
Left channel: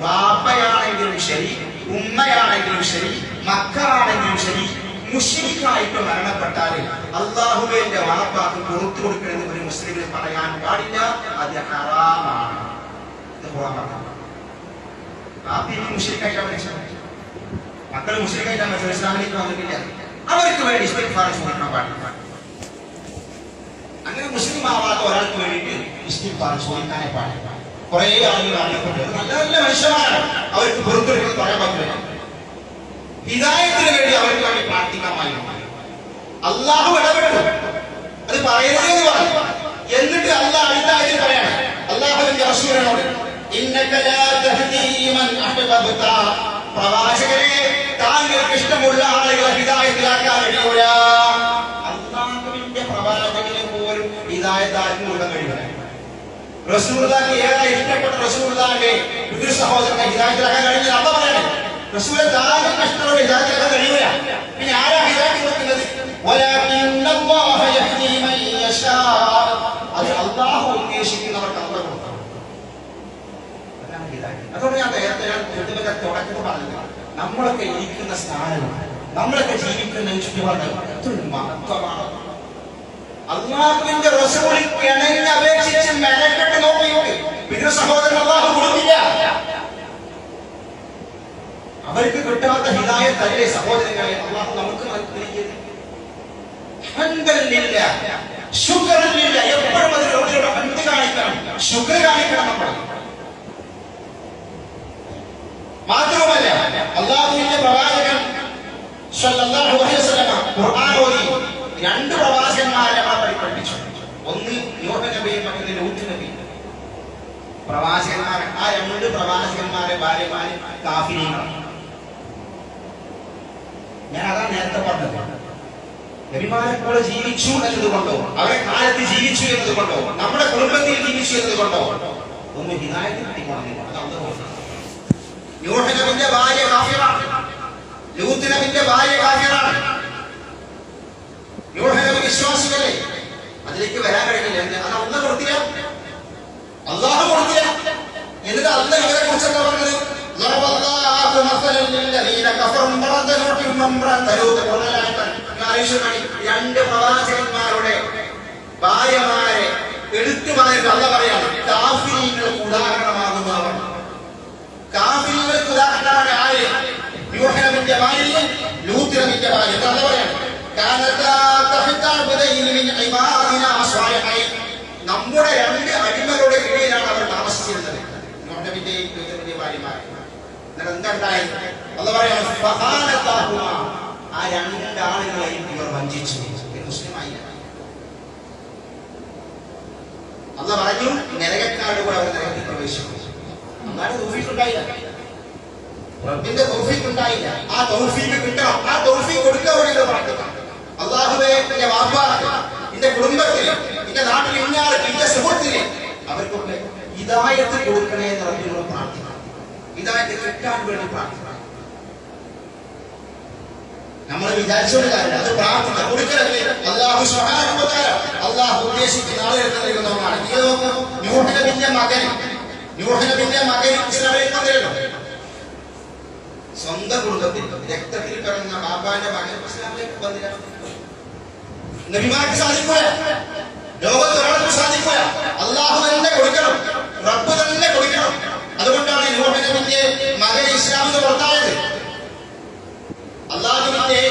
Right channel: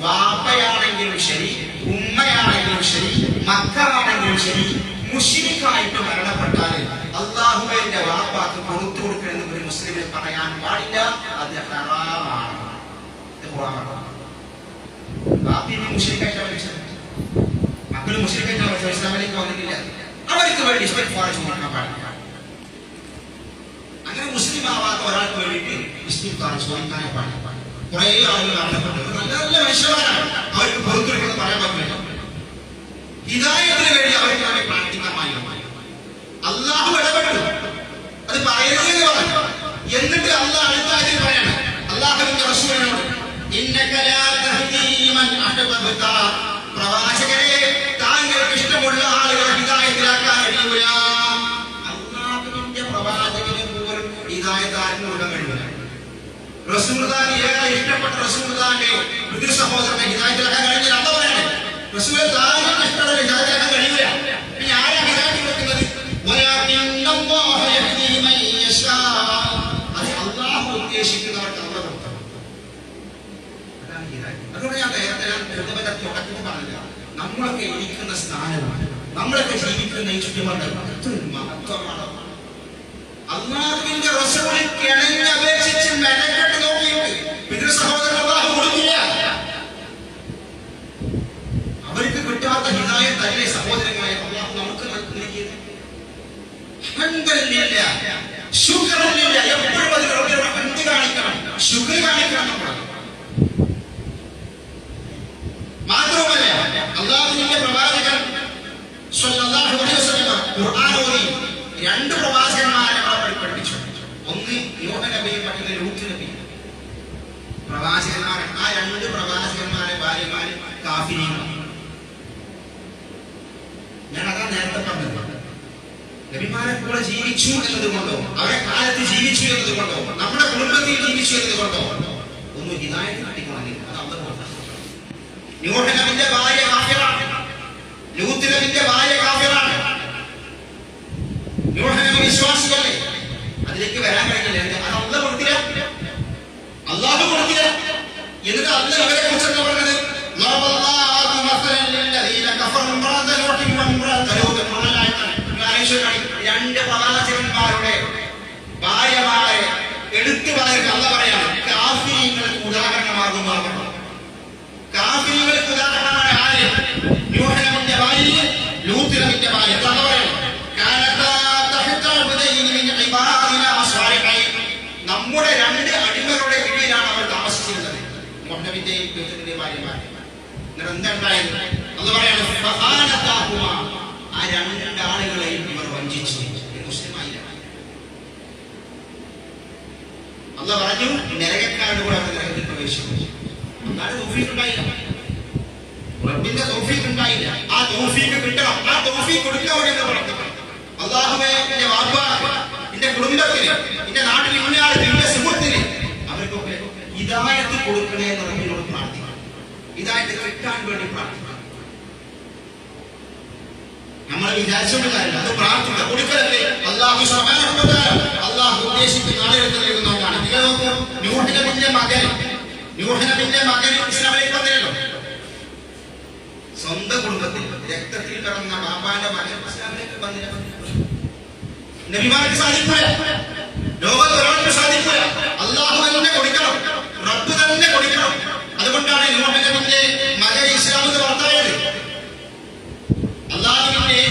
വാപ്പയാണെങ്കിലും ശരി, ഉമ്മയാണെങ്കിലും ശരി, മക്കളാണെങ്കിലും ശരി, മുശ്രിക്കായിട്ട് മരണപ്പെട്ടാൽ അല്ലാഹുവിന്റെ വാപ്പാക്ക് കൊടുത്തു കൊടുക്കണമെന്ന് ഒരു മുസ്ലിമിന് പറയാൻ പാടില്ല. അത് ഹറാമാണ്. വാപ്പിനെ മുശ്രിക്കായിട്ടാണ് മരിച്ചത്, മക്കൾ മുശ്രിക്കായിട്ടാണ് മരിച്ചത്, ഇസ്ലാമിലേക്ക് വന്നിട്ടില്ല. അവർക്ക് വേണ്ടി ഇസ്തിഗ്ഫാർ ചോദിക്കാൻ പാടില്ല. അങ്ങനെ മുസ്ലിം ആവാത്ത ഒരാൾക്ക് വേണ്ടിയിട്ട് ഇസ്തിഗ്ഫാർ ചോദിക്കാനേ പാടില്ല. കുറെ ആളുകൾ മരണപ്പെട്ടു, നല്ല നല്ല മനുഷ്യന്മാരാണ്, അവർക്ക് പുറത്തെടുക്കുന്നത് പറയാൻ പറ്റില്ല. ഹിദായത്തിന് വേണ്ടി അവർക്ക് വേണ്ടി പ്രാർത്ഥിക്കാമായിരുന്നു. അല്ലാഹു ഇടപെട്ടു, അത് പറയരുതെന്ന് പറഞ്ഞു. എന്നിട്ട് അല്ലാഹ് അടുത്ത ആയത്തിൽ പറയാണ്, അല്ലാഹുവിന്റെ റസൂലിനോട്, ഇന്നക ലാ തഹ്ദീ മൻ അഹ്ബബ്ത, പ്രവാചകരെ താങ്കൾക്ക് ഇഷ്ടമുള്ള ആളുകളെ ഹിദായത്തിലാക്കാൻ കഴിയൂല. അല്ലാഹുവിന്റെ പ്രവാചകന് പോലും ഹിദായത്ത് ആർക്കും കൊടുക്കാൻ കഴിയൂല. റസൂലുള്ളാഹിക്ക് ഏറെ ഇഷ്ടപ്പെട്ട റസൂലുള്ളാഹിന്റെ പിതൃ സഹോദരനെ ഹിദായത്തിലാക്കാൻ കഴിഞ്ഞാൽ അല്ലാഹ് പറയണേ, റസൂലെ താങ്കൾക്ക് ഇഷ്ടമുള്ള ഹിദായത്തിലാക്കാൻ കഴിയൂല. പിന്നെ ആരാ ഹിദായത്ത് കൊടുക്കുന്നത്? വലാകിന്നല്ലാഹ യഹ്ദീ മൻ യശാ, അത് അല്ലാഹു ഉദ്ദേശിക്കുന്നവർക്ക് അല്ലാഹു കൊടുക്കും. അതാണ് ഹിദായത്ത്. അതുകൊണ്ട് ഞാൻ നേരത്തെ തുടക്കത്തിൽ പറഞ്ഞത്, നമ്മളൊക്കെ ഇരിക്കുന്ന സ്ഥാനവും നമ്മളൊക്കെ ജീവിക്കുന്ന ഈ ചുറ്റുപാട് മഹത്വമാണ്. അള്ളാഹുവിന്റെ റസൂൽ കിണഞ്ഞ് അപേക്ഷിച്ച് മെനക്കെട്ട് നോക്കിയിട്ട് പിതൃ സഹോദരൻ അള്ളാഹു കൊടുക്കില്ല. അവർക്ക് കിട്ടാത്ത ഹിദായത്തല്ലേ സഹോദരങ്ങളെ അള്ളാഹു നമുക്ക് നൽകിയത്. ഹംദലില്ല, ശുക്റില്ല. എപ്പോഴും അതിനോട് ഹംദ് കാണിക്കണം, ശുക്ർ കാണിക്കണം നമ്മൾ. മാത്രവുമല്ല അള്ളാഹുവിന്റെ പ്രവാചകൻ സ്വല്ലല്ലാഹു അലൈഹി വസല്ലം ഖുർആൻ ഓതി രണ്ട് പ്രവാചകന്മാരെ നമ്മളെ പഠിപ്പിച്ചു. ഒന്ന് നൂഹ് നബിയും മറ്റൊന്ന് ലൂത്ത് നബിയും. പ്രവാചകന്മാർ, ആ രണ്ട് പ്രവാചകന്മാരെ ഭാര്യമാര് കാഫിരീങ്ങളാണ്. ഞാൻ അതാ നേരത്തെ പറഞ്ഞത്. നബിമാരെ പോലെ ജീവിച്ചു എന്നതുകൊണ്ടോ അവരെ കാലത്ത് ജീവിച്ചു എന്നതുകൊണ്ടോ നമ്മുടെ കുടുംബത്തിൽ ജീവിച്ചു എന്നതുകൊണ്ടോ ഒന്നും ഹിദായത്ത് കിട്ടിക്കൊള്ളുന്നില്ല. അത് അള്ളാഹു. നൂഹ് നബിയുടെ ഭാര്യ കാഫിറാണ്, ലൂത്ത് നബിയുടെ ഭാര്യ കാഫിറാണ്. നൂഹ് നബി വിശ്വാസികളെ, അതിലേക്ക് വരാൻ കഴിയില്ല. അത് അള്ളാഹു കൊടുത്തില്ല, അള്ളാഹു കൊടുത്തില്ല. എന്നിട്ട് അള്ളാഹു ഇവരെ കുറിച്ചൊക്കെ പറഞ്ഞത് രണ്ട് പ്രവാചകന്മാരുടെ ഭാര്യമാരെ എടുത്തു പറയുന്നത് അല്ല പറയാണ് കാഫിരീങ്ങൾക്ക് ഉദാഹരണമാകുന്നു. അവർ കാഫിരീങ്ങൾക്ക് ഉദാഹരണമാണ് ആര്? നൂഹ് നബിയുടെ ഭാര്യ, ലൂത്ത് നബിയുടെ ഭാര്യ. അല്ല പറയാണ് നമ്മുടെ രണ്ട് അടിമകളുടെ കീഴിലാണ് അവർ താമസിച്ചിരുന്നത്, നൂഹ് നബിയുടെയും ലൂത്ത് നബിയുടെയും ഭാര്യമാർ. എന്നിട്ട് എന്താ ഉണ്ടായത്? അല്ല പറയാണ് ആ രണ്ടാളുകളെയും ഇവർ വഞ്ചിച്ചു. മുസ്ലിമായില്ല. അല്ല പറഞ്ഞു നരകക്കാരുടെ കൂടെ അവർ നരകത്തിൽ പ്രവേശിച്ചു. അല്ലാതെ തൗഫീഖ് ഉണ്ടായില്ല, റബ്ബിന്റെ തൗഫീഖ് ഉണ്ടായില്ല. ആ തൗഫീഖ് കിട്ടണം. ആ തൗഫീഖ് കൊടുക്കാൻ വേണ്ടി നമ്മൾ പ്രാർത്ഥിക്കണം. അല്ലാഹുവേ, എന്റെ വാപ്പാക്ക്, എന്റെ കുടുംബത്തിന്, എന്റെ നാട്ടിൽ ഇന്നാൾക്ക്, എന്റെ സുഹൃത്തിന് അവർക്കൊക്കെ ഹിദായത്ത് കൊടുക്കണേ എന്ന് റബ്ബിനോട് പ്രാർത്ഥിക്കണം. ഹിദായത്ത് കിട്ടാൻ വേണ്ടി പ്രാർത്ഥിക്കണം. നമ്മൾ വിചാരിച്ചോണ്ട് കാര്യമില്ല, അത് പ്രാർത്ഥന കൊടുക്കലല്ലേ. അല്ലാഹു സുബ്ഹാനഹു വ തആല അല്ലാഹു ഉദ്ദേശിക്കുന്ന ആളുകൾക്ക് നൽകുന്നതാണ്. നിങ്ങൾ നോക്കൂ, നൂഹ് നബിയുടെ മകൻ ഇസ്ലാമിലേക്ക് വന്നില്ലല്ലോ. സ്വന്തം കുടുംബത്തിൽ രക്തത്തിൽ പിറന്ന ബാപ്പാന്റെ മകൻ ഇസ്ലാമിലേക്ക് വന്നില്ല. നബിമാർക്ക് സാധിക്കൂല, ലോകത്ത് ഒരാൾക്ക് സാധിക്കൂല. അല്ലാഹു തന്നെ കൊടുക്കണം, റബ്ബ് തന്നെ കൊടുക്കണം. അതുകൊണ്ടാണ് നൂഹ് നബിയുടെ മകൻ ഇസ്ലാമിന് പുറത്തായത്. അല്ലാഹുവിന്റെ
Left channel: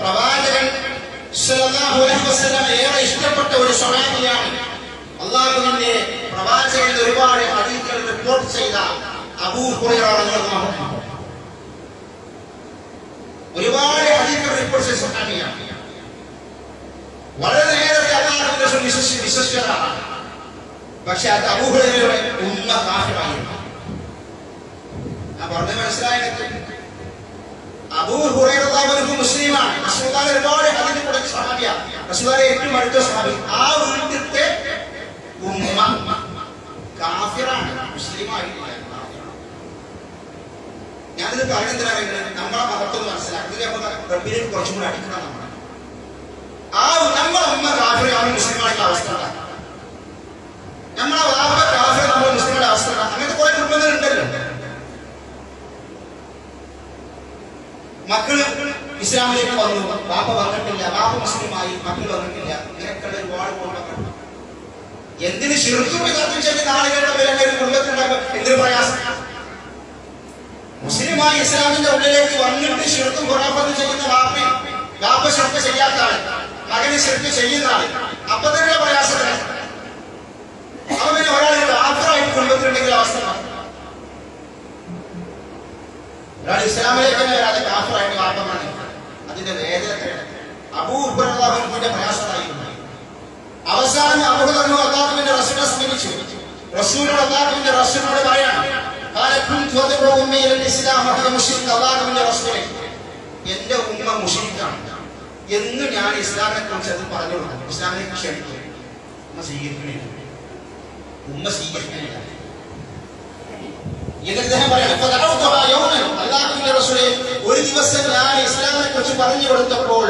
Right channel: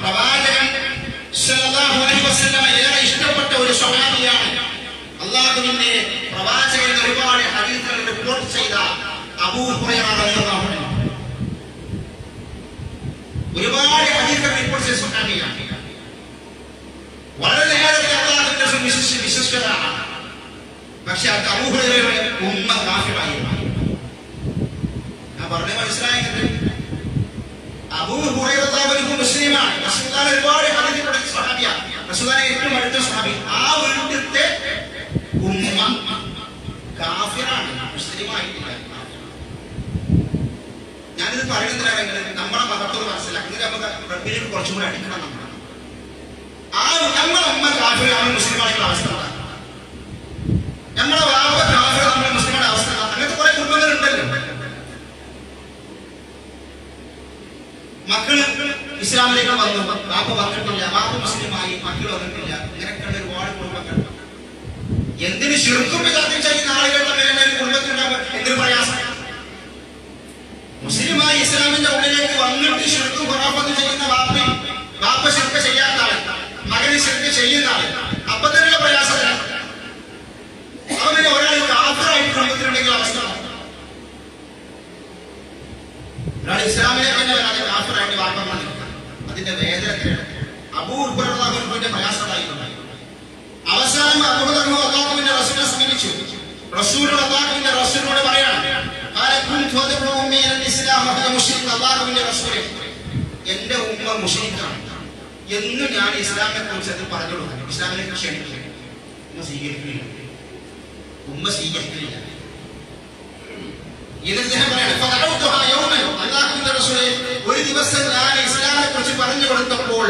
പ്രവാചകൻ സ്വല്ലല്ലാഹു അലൈഹി വസല്ലം ഏറെ ഇഷ്ടപ്പെട്ട ഒരു സ്വഹാബിയാണ്. അല്ലാഹുവിന്റെ പ്രവാചകൻ ഒരുപാട് ഹദീസുകൾ റിപ്പോർട്ട് ചെയ്ത അബൂ ഹുറൈറ റളിയല്ലാഹു അൻഹു. ഒരുപാട് ഹദീസുകൾ റിപ്പോർട്ട് ചെയ്ത സ്വഹാബിയാണ്. വളരെ നേരത്തെ അല്ലാഹുവിന്റെ വിശ്വസ്തരാണ്. പക്ഷെ അത് അബൂ ഹുറൈറയുടെ ഉമ്മ കാഫിറായിരുന്നു. ഞാൻ പറഞ്ഞത് മനസ്സിലായെങ്കിൽ അബൂ ഹുറൈറ റളിയല്ലാഹു മുസ്ലിമാണ്. റസൂലുള്ളാഹി ഒരുപാട് ഹദീസ് പഠിച്ച സ്വഹാബിയാണ്. റസൂലുള്ളാഹിയുടെ ഏറ്റവും അടുത്ത സ്വഹാബി. ആ വീട്ടിലത്തെ ഉമ്മ കാഫിറാണ്, മുസ്ലിമായിട്ടില്ല. ഞാനിത് പറയുന്നതിനാണെങ്കിൽ നമ്മളെ മഹത്വം മനസ്സിലാക്കുന്നത് നമുക്ക് റബ്ബിലേക്ക് കുറച്ചും കൂടി അടുക്കണം. നമ്മളെ ഉമ്മ കാഫിറാണ്, മുസ്ലിമായിട്ടുള്ള അവസ്ഥ. നമ്മളെ വാപ്പ കാഫിർ, നമ്മളെ മുസ്ലിങ്ങളുടെ അവസ്ഥ. അങ്ങനത്തെ കുറെ കുടുംബങ്ങളുണ്ടല്ലോ. മക്കള് ഇസ്ലാമിലേക്ക് വന്നു, വാപ്പ വന്നിട്ടില്ല, വാപ്പ മുസ്ലിമായി, മക്കൾ വന്നിട്ടില്ല. ഇങ്ങനെയൊക്കെയുള്ള ഒരുപാട് കുടുംബങ്ങൾ. എന്തിന് ശിർക്കും വിദഅത്തും ചെയ്യുന്ന ആളുകൾ തമ്മിൽ ഒരു കുടുംബത്തിലുണ്ടാകുമ്പോൾ എന്തൊരു പ്രയാസം. മുസ്ലിമായി ഇസ്ലാമിന്റെ ഉള്ളിലേക്ക് വന്നിട്ട് ശിർക്കും ഖുറാഫത്തും ചെയ്യുന്ന വാപ്പ ശിർക്ക് ചെയ്യാത്ത ആള്, മകന് ശിർക്ക് ചെയ്യുന്ന ആള്, അപ്പൊ തന്നെയുള്ള പ്രയാസത്തിലാണ്. അപ്പൊ പിന്നെ ഒരാൾ കാഫിറായിട്ട് കുടുംബത്തിലുണ്ടെങ്കിൽ അവസ്ഥ, ഒരാൾ ഇസ്ലാമിലേക്ക് തന്നെ വരാതെ കാഫിറായിട്ട് വാപ്പമാണ് നിൽക്കുന്നത്. അതിന്റെ വേദന അബൂ ഹുറൈറ റളിയല്ലാഹുവിന്റെ പ്രയാസമായിരുന്നു. അവസാനം അബൂ ഹുറൈറ അല്ലാഹുവിന്റെ റസൂലിനെ സമീപിച്ചു. അല്ലാഹുവിന്റെ റസൂലിനോട് പറയാണ്, അല്ലാഹുവിന്റെ റസൂലേ, എന്റെ ഉമ്മ മുശ്രിക്കാണ് എന്ന് ഞാൻ ഇസ്ലാമിനെ കുറിച്ച് അത് പറഞ്ഞു കൊടുക്കുന്നു. ഇസ്ലാമിലേക്ക് ക്ഷണിക്കുക. ഉമ്മ സ്വീകരിക്കുന്നില്ല. അല്ലാഹുവിന്റെ റസൂലേ, ഒരു ദിവസം ഞാൻ ഇസ്ലാമിനെ കുറിച്ച് പറഞ്ഞു കൊടുത്തപ്പോൾ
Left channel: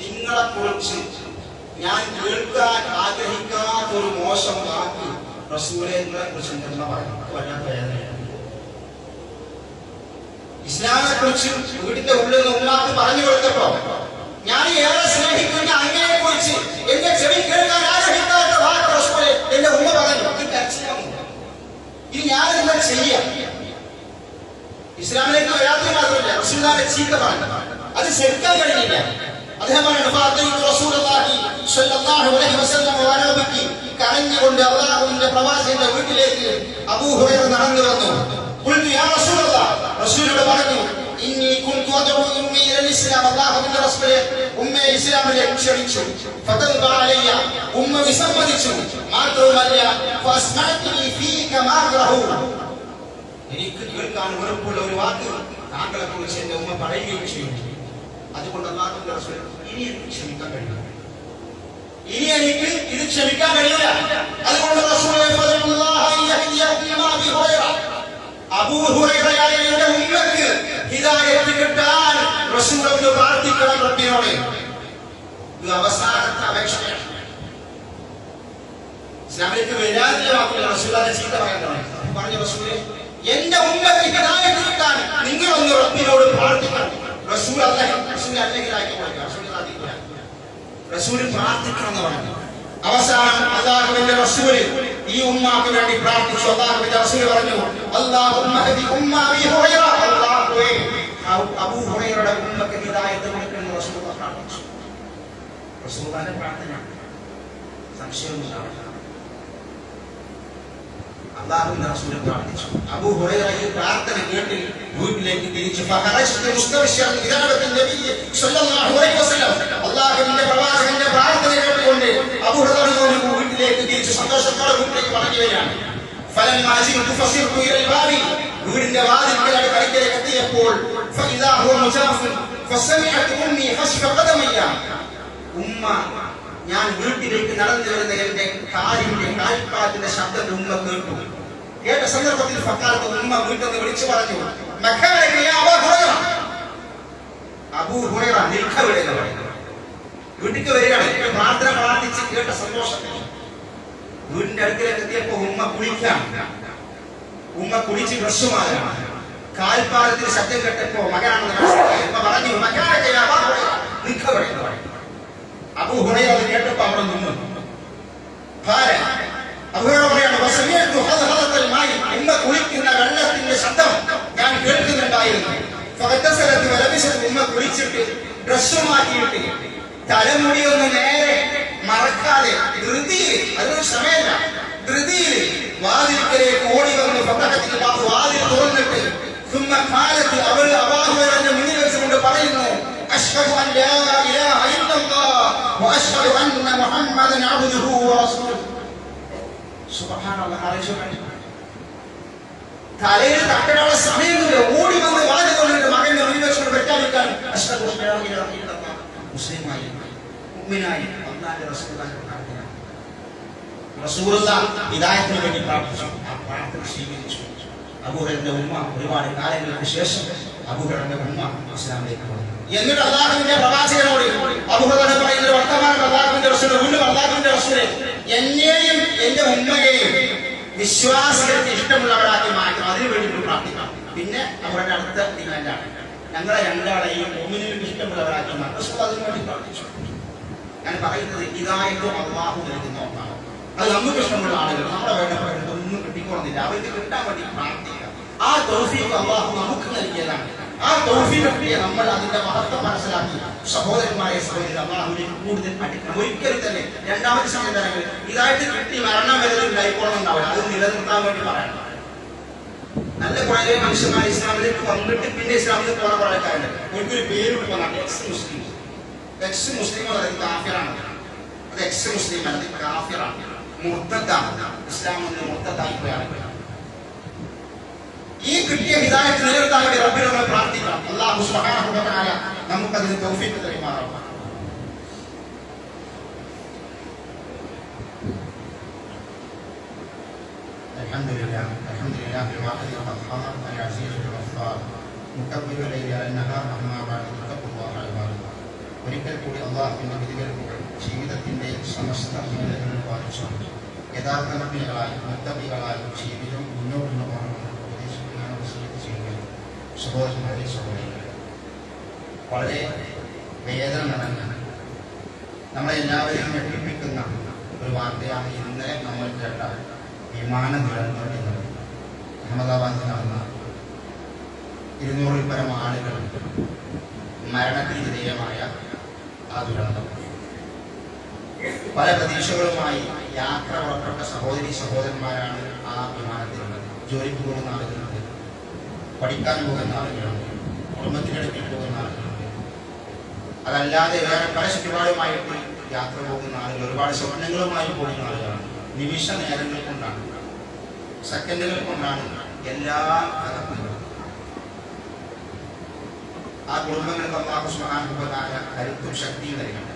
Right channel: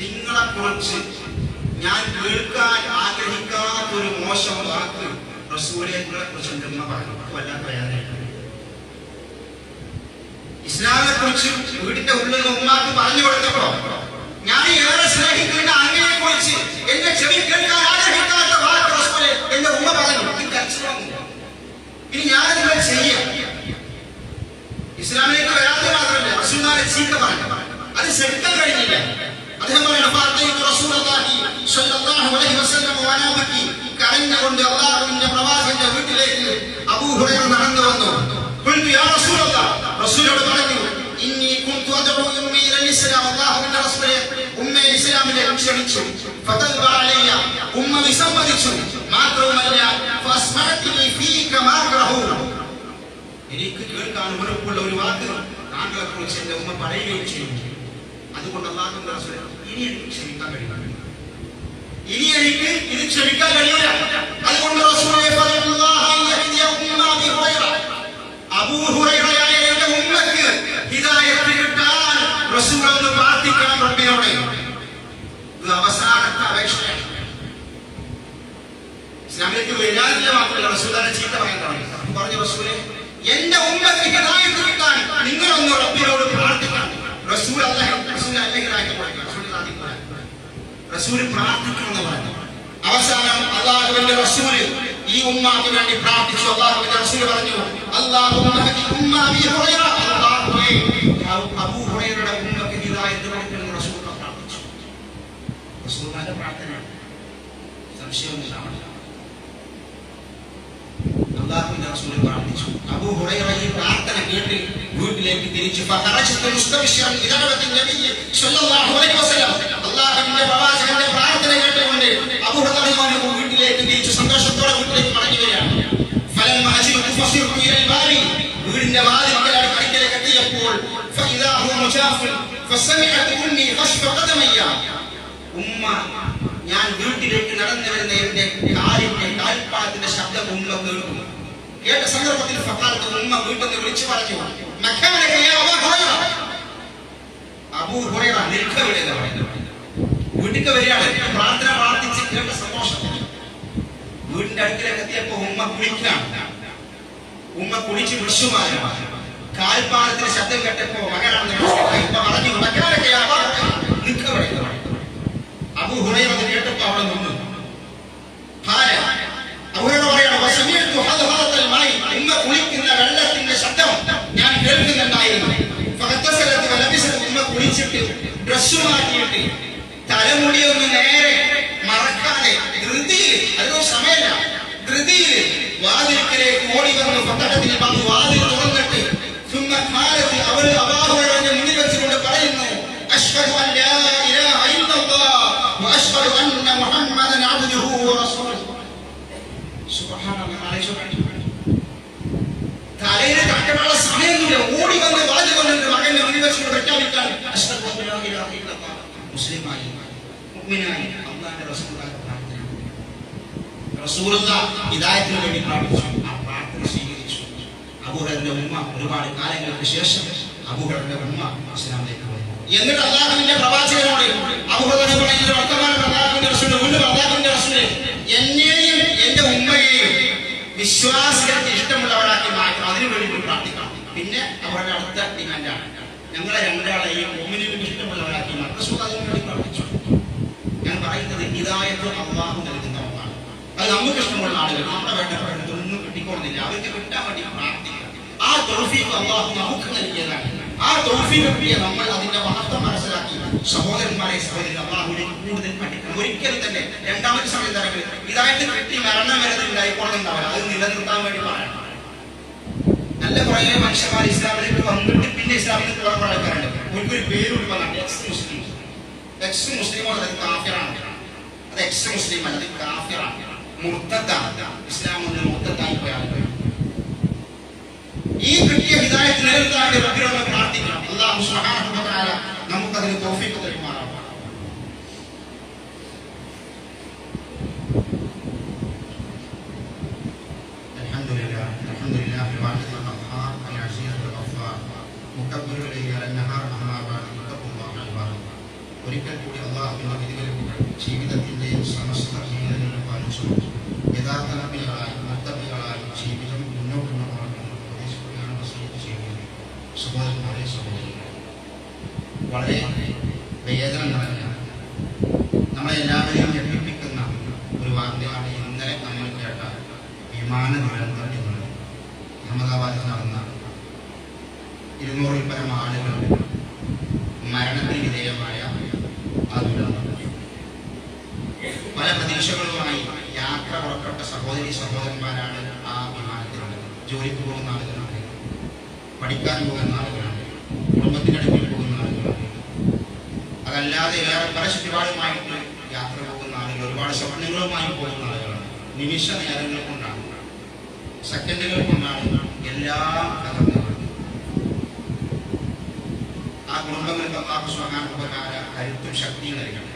നിങ്ങളെ കുറിച്ച് ഞാൻ കേൾക്കാൻ ആഗ്രഹിക്കാത്ത ഒരു മോശം വാക്ക് റസൂലേ നിങ്ങളെ കുറിച്ച് പറഞ്ഞു. വല്ലാത്ത വേദനയാണ്. ഇസ്ലാമിനെ കുറിച്ച് വീടിന്റെ ഉള്ളിൽ നിന്ന് ഉമ്മാക്ക് പറഞ്ഞു കൊടുത്തപ്പോ ഞാൻ ഏറെ സ്നേഹിക്കുന്ന അങ്ങയെ കുറിച്ച് എന്റെ ചെവി കേൾക്കാൻ ആഗ്രഹിക്കാത്ത വാക്ക് റസൂലേ എന്റെ ഉമ്മ പറഞ്ഞു. ഈ കരച്ചിൽ വന്നു. ഇനി ഞാനതിനെ ചെയ്യാം. ഇസ്ലാമിലേക്ക് വരാത്തത് മാത്രമല്ല, റസൂലുള്ളാഹിയെ ചീത്ത പറഞ്ഞു. അത് ശരിക്കാൻ കഴിഞ്ഞില്ല. അദ്ദേഹം കരഞ്ഞുകൊണ്ട് അള്ളാഹുവിന്റെ പ്രവാചകന്റെ വീട്ടിലേക്ക് അബൂ ഹുറൈറ നടന്നു വന്നു. റസൂലോട് പറഞ്ഞു, അള്ളാഹുവിന്റെ റസൂലേ, ഉമ്മയെ ഇസ്ലാമിലേക്ക് ക്ഷണിച്ചു. ഉമ്മ വിസമ്മതിച്ചു. മാത്രവുമല്ല എനിക്ക് കേൾക്കാൻ വെറുപ്പുള്ള ഒരു വാക്ക് താങ്കളെ കുറിച്ച് എന്റെ ഉമ്മ പറയുകയും ചെയ്യും. അതുകൊണ്ട് അല്ലാഹുവിന്റെ റസൂലേ, ഇനി എനിക്ക് ക്ഷമിക്കാൻ കഴിയില്ല. ഇനി എനിക്ക് ഇത് ക്ഷമിക്കാൻ കഴിയില്ല. അതുകൊണ്ട് റസൂലേ അബൂ ഹുറൈറയായ എന്റെ ഉമ്മക്ക് ഹിദായത്ത് കിട്ടാൻ റസൂൽ ഒന്ന് പ്രാർത്ഥിക്കണം റബ്ബിനോട്. ഇത് അവസാനത്തെ അപേക്ഷയാണ്. ഇസ്ലാമിലേക്ക് വരാതില്ല മാത്രമല്ല, റസൂലിനെ ചീത്ത പറയാൻ തുടങ്ങി. പറഞ്ഞു, റസൂലേ, എന്റെ ഉമ്മക്ക് ഹിദായത്ത് കിട്ടാൻ നിങ്ങളൊന്ന് റബ്ബിനോട് പ്രാർത്ഥിക്കണം. റസൂൽ റസൂൽ പ്രാർത്ഥിക്കണം എന്ന് പറഞ്ഞു. അവസാനം അല്ലാഹുവിന്റെ റസൂൽ ഈ ഉമ്മാക്ക് വേണ്ടി പ്രാർത്ഥിച്ചു. അല്ലാഹുവിന്റെ റസൂൽ പറഞ്ഞു, അബൂ ഹുറൈറയുടെ ഉമ്മക്ക് ഹിദായത്ത് കൊടുക്കണമെന്ന് റസൂൽ പ്രാർത്ഥിച്ചു. റസൂലുള്ളാഹിന്റെ പ്രാർത്ഥന സംശയമൊന്നും. അല്ലാഹുവിന്റെ റസൂൽ പ്രാർത്ഥിച്ചു. അബൂ ഹുറൈറ ഈ പ്രാർത്ഥന കേട്ട് വീട്ടിലേക്ക് തിരിച്ചു. അല്ലാഹുവിന്റെ പ്രവാചകന്റെ പ്രാർത്ഥന കേട്ടുകൊണ്ട് അബൂ ഹുറൈറ വീട്ടിലേക്ക് തിരിച്ചു സന്തോഷത്തോടെ വീട്ടിലേക്ക് മടങ്ങി വരികയാണ്. വീടിന്റെ വാതിൽക്കൽ കടക്കിലേക്ക് എത്തിയപ്പോൾ ഉമ്മ, ഞാൻ വീട്ടിലേക്ക് നടന്നു വരുന്ന എന്റെ കാൽപ്പാദത്തിന്റെ ശബ്ദം ഉമ്മ കേട്ടു. കേട്ട സന്ദർഭത്തിൽ ഫഖാലത്ത് ഉമ്മ വീട്ടിൽ നിന്ന് വിളിച്ചു പറഞ്ഞു, അബൂ ഹുറൈറ നിൽക്കവിടെ എന്ന് പറയുന്നു. വീട്ടിലേക്ക് വരികയാണ്. പ്രാർത്ഥന പ്രാർത്ഥിച്ച് കേട്ട സന്തോഷത്തിൽ വീടിന്റെ അടുക്കലേക്ക് എത്തിയപ്പോ ഉമ്മ കുളിക്കാണ്. ഉമ്മ കുളിച്ച് ബ്രഷുമാലാണ്. കാൽപ്പാദത്തിന്റെ ശബ്ദം കേട്ടപ്പോ മകനാണെന്ന് മനസ്സിലായി. ഉമ്മ പറഞ്ഞു, നിൽക്കവിടെ എന്ന് പറയുന്നു. അബൂ ഹുറൈറ അത് കേട്ടപ്പോ അവിടെ നിന്നു. അബൂ ഹുറൈറ പറയാണ്, ഉമ്മ കുളിക്കുന്ന വെള്ളത്തിന്റെ ശബ്ദം ഞാൻ കേൾക്കുന്നുണ്ടായിരുന്നു. ഉമ്മ കുളിച്ചിട്ട് ഡ്രസ് മാറ്റിയിട്ട് തലമുടിയൊന്ന് നേരെ മറക്കാതെ ധൃതിയിൽ, അതൊരു സമയമല്ല, ധൃതിയിൽ വാതിൽക്കലേക്ക് ഓടി വന്നു. ഫതഹത്തിൽ ബാബു വാതിൽ തുറന്നിട്ട് അവൾ അബൂ ഹുറൈറയുടെ മുന്നിൽ വെച്ചുകൊണ്ട് പറയുന്നു, അശ്ഹദു അൻ ലാ ഇലാഹ ഇല്ലല്ലാഹ് വ അശ്ഹദു അന്ന മുഹമ്മദൻ അബ്ദുഹു വ റസൂലുഹു. സുബ്ഹാനല്ലാഹ്. തലയിൽ തട്ടനുള്ള സമയമൊന്നുമില്ല. ഓടി വന്ന് വാതിൽ തുറന്നിട്ട് മകന്റെ മുന്നിൽ വെച്ചുകൊണ്ട് പ്രഖ്യാപിക്കാൻ, അശ്ഹദു അൻ ലാ ഇലാഹ ഇല്ലല്ലാഹ്, മുസ്ലിമായി മുഅ്മിനായി അല്ലാഹുവിന്റെ റസൂലുള്ളാഹിന്റെ പ്രാർത്ഥന. റസൂലുള്ളാഹി ഹിദായത്തിന് വേണ്ടി പ്രാർത്ഥിച്ചു. ആ പ്രാർത്ഥന സ്വീകരിച്ചു. അബൂ ഹുറൈറയുടെ ഉമ്മ ഒരുപാട് കാലങ്ങൾക്ക് ശേഷം അബൂ ഹുറൈറയുടെ ഉമ്മ ഇസ്ലാമിലേക്ക് വന്നു. എന്നിട്ട് അല്ലാഹുവിന്റെ പ്രവാചകനോട് അബൂ ഹുറൈറ പറയുന്ന വർത്തമാനം അല്ലാഹുവിന്റെ റസൂൽ വീണ്ടും അല്ലാഹുവിന്റെ റസൂലേ, എന്നെയും എന്റെ ഉമ്മയെയും വിശ്വാസികൾക്ക് ഇഷ്ടമുള്ളവരാക്കി മാറ്റണം. അതിനു വേണ്ടി പ്രാർത്ഥിക്കണം. പിന്നെ അവരുടെ അടുത്ത ഡിമാൻഡാണ്, ഞങ്ങളെ രണ്ടാളെയും മുഅ്മിനീങ്ങൾക്ക് ഇഷ്ടമുള്ളവരാക്കി മാറ്റണം. റസൂൽ അതിനു വേണ്ടി പ്രാർത്ഥിച്ചു. ഞാൻ പറയുന്നത് ഹിദായത്ത് അല്ലാഹു നൽകുന്ന ഒന്നാണ്. അത് നമുക്ക് ഇഷ്ടമുള്ള ആളുകൾ, നമ്മുടെ വേണ്ടപ്പെട്ടതൊന്നും കിട്ടിക്കോളുന്നില്ല. അവർക്ക് കിട്ടാൻ വേണ്ടി പ്രാർത്ഥിക്കുക. ആ തൗഫീഖ് അല്ലാഹു നമുക്ക് നൽകിയതാണ്. ആ തൗഫീഖ് കിട്ടിയ നമ്മൾ അതിന്റെ മഹത്വം മനസ്സിലാക്കി സഹോദരന്മാരെ സഹോദരൻ അല്ലാഹുവിലേക്ക് കൂടുതൽ പഠിക്കണം. ഒരിക്കലും തന്നെ രണ്ടാമത്തെ സമയം തരങ്ങൾ ഹിദായത്ത് കിട്ടി മരണം വരെ ഉണ്ടായിക്കോളുന്നുണ്ടാവില്ല. അത് നിലനിർത്താൻ വേണ്ടി പറയണം. നല്ല കുറേ മനുഷ്യന്മാർ ഇസ്ലാമിലേക്ക് വന്നിട്ട് പിന്നെ ഇസ്ലാമിൽ നിന്ന് കുറെ ആൾക്കാരുണ്ട്. ഒരിക്കലും പേരിട്ട് വന്നിട്ട് എക്സ് മുസ്ലിം അത് കാഫിറാണ്. അത് എക്സ് മുസ്ലിം അല്ല, അത് കാഫിറാണ്, മുർത്തദ്ദാണ്. ഇസ്ലാം ഒന്ന് മുർത്തദ്ദായി പോയ ആളുകൾ. ഈ കിട്ടിയ ഹിദായത്ത് നിലനിർത്താൻ വേണ്ടി റബ്ബിനോട് പ്രാർത്ഥിക്കണം. അല്ലാഹു സുബ്ഹാനഹു വ തആല നമുക്കതിന് തൗഫീഖ് തരുമാറാവട്ടെ. അൽഹംദുലില്ലാഹ് അൽഹംദുലില്ലാഹി വഅലൈഹി വസല്ലം അൽ അസീസുൽ ഗഫാർ മുകബ്ബിറുൽ ലൈലി അലൻ നഹാർ അമ്മാ ബഅദ് തഖ്വല്ലാഹ ഇബാദ. ഒരിക്കൽ കൂടി അല്ലാഹുവിന്റെ വിധികൾക്ക് ജീവിതത്തിന്റെ സമസ്ത മേഖലകളിലും പാലിച്ചു യഥാർത്ഥ മുഅ്മിനുകളായി മുത്തഖീകളായി ജീവിതം മുന്നോട്ട് കൊണ്ടുപോകണം ഉപദേശിക്കുകയാണ് വസിയത്ത് ചെയ്യുന്നത്. സഹോദരന്മാരെ, സഹോദരികളെ, വളരെ വേദന നിറഞ്ഞ, നമ്മളെല്ലാവരെയും ഞെട്ടിപ്പിക്കുന്ന ഒരു വാർത്തയാണ് ഇന്നലെ നമ്മൾ കേട്ട വിമാന ദുരന്തം എന്നത്. അഹമ്മദാബാദിൽ നടന്ന 200-ൽ പരം ആളുകൾ മരണത്തിന് വിധേയമായ ആ ദുരന്തം. പല പ്രതീക്ഷകളുമായി യാത്ര പുറപ്പെട്ട സഹോദരി സഹോദരന്മാരാണ് ആ വിമാനത്തിലുള്ളത്. ജോലിക്ക് പോകുന്ന ആളുകളുണ്ട്, പഠിക്കാൻ പോകുന്ന ആളുകളുണ്ട്, കുടുംബത്തിനടുപ്പിൽ പോകുന്ന ആളുകളുണ്ട്, അതല്ലാതെ വേറെ പല ചുറ്റുപാടുമായിട്ട് യാത്ര പോകുന്ന ആളുകൾ, ഒരുപാട് സ്വപ്നങ്ങളുമായി പോകുന്ന ആളുകളാണ്. നിമിഷ നേരങ്ങൾ കൊണ്ടാണ്, സെക്കൻഡുകൾ കൊണ്ടാണ് എല്ലാം തകർന്നത്. ആ കുടുംബങ്ങൾക്ക് അല്ലാഹു സുബ്ഹാനഹു വ തആല കരുത്തും ശക്തിയും നൽകട്ടെ.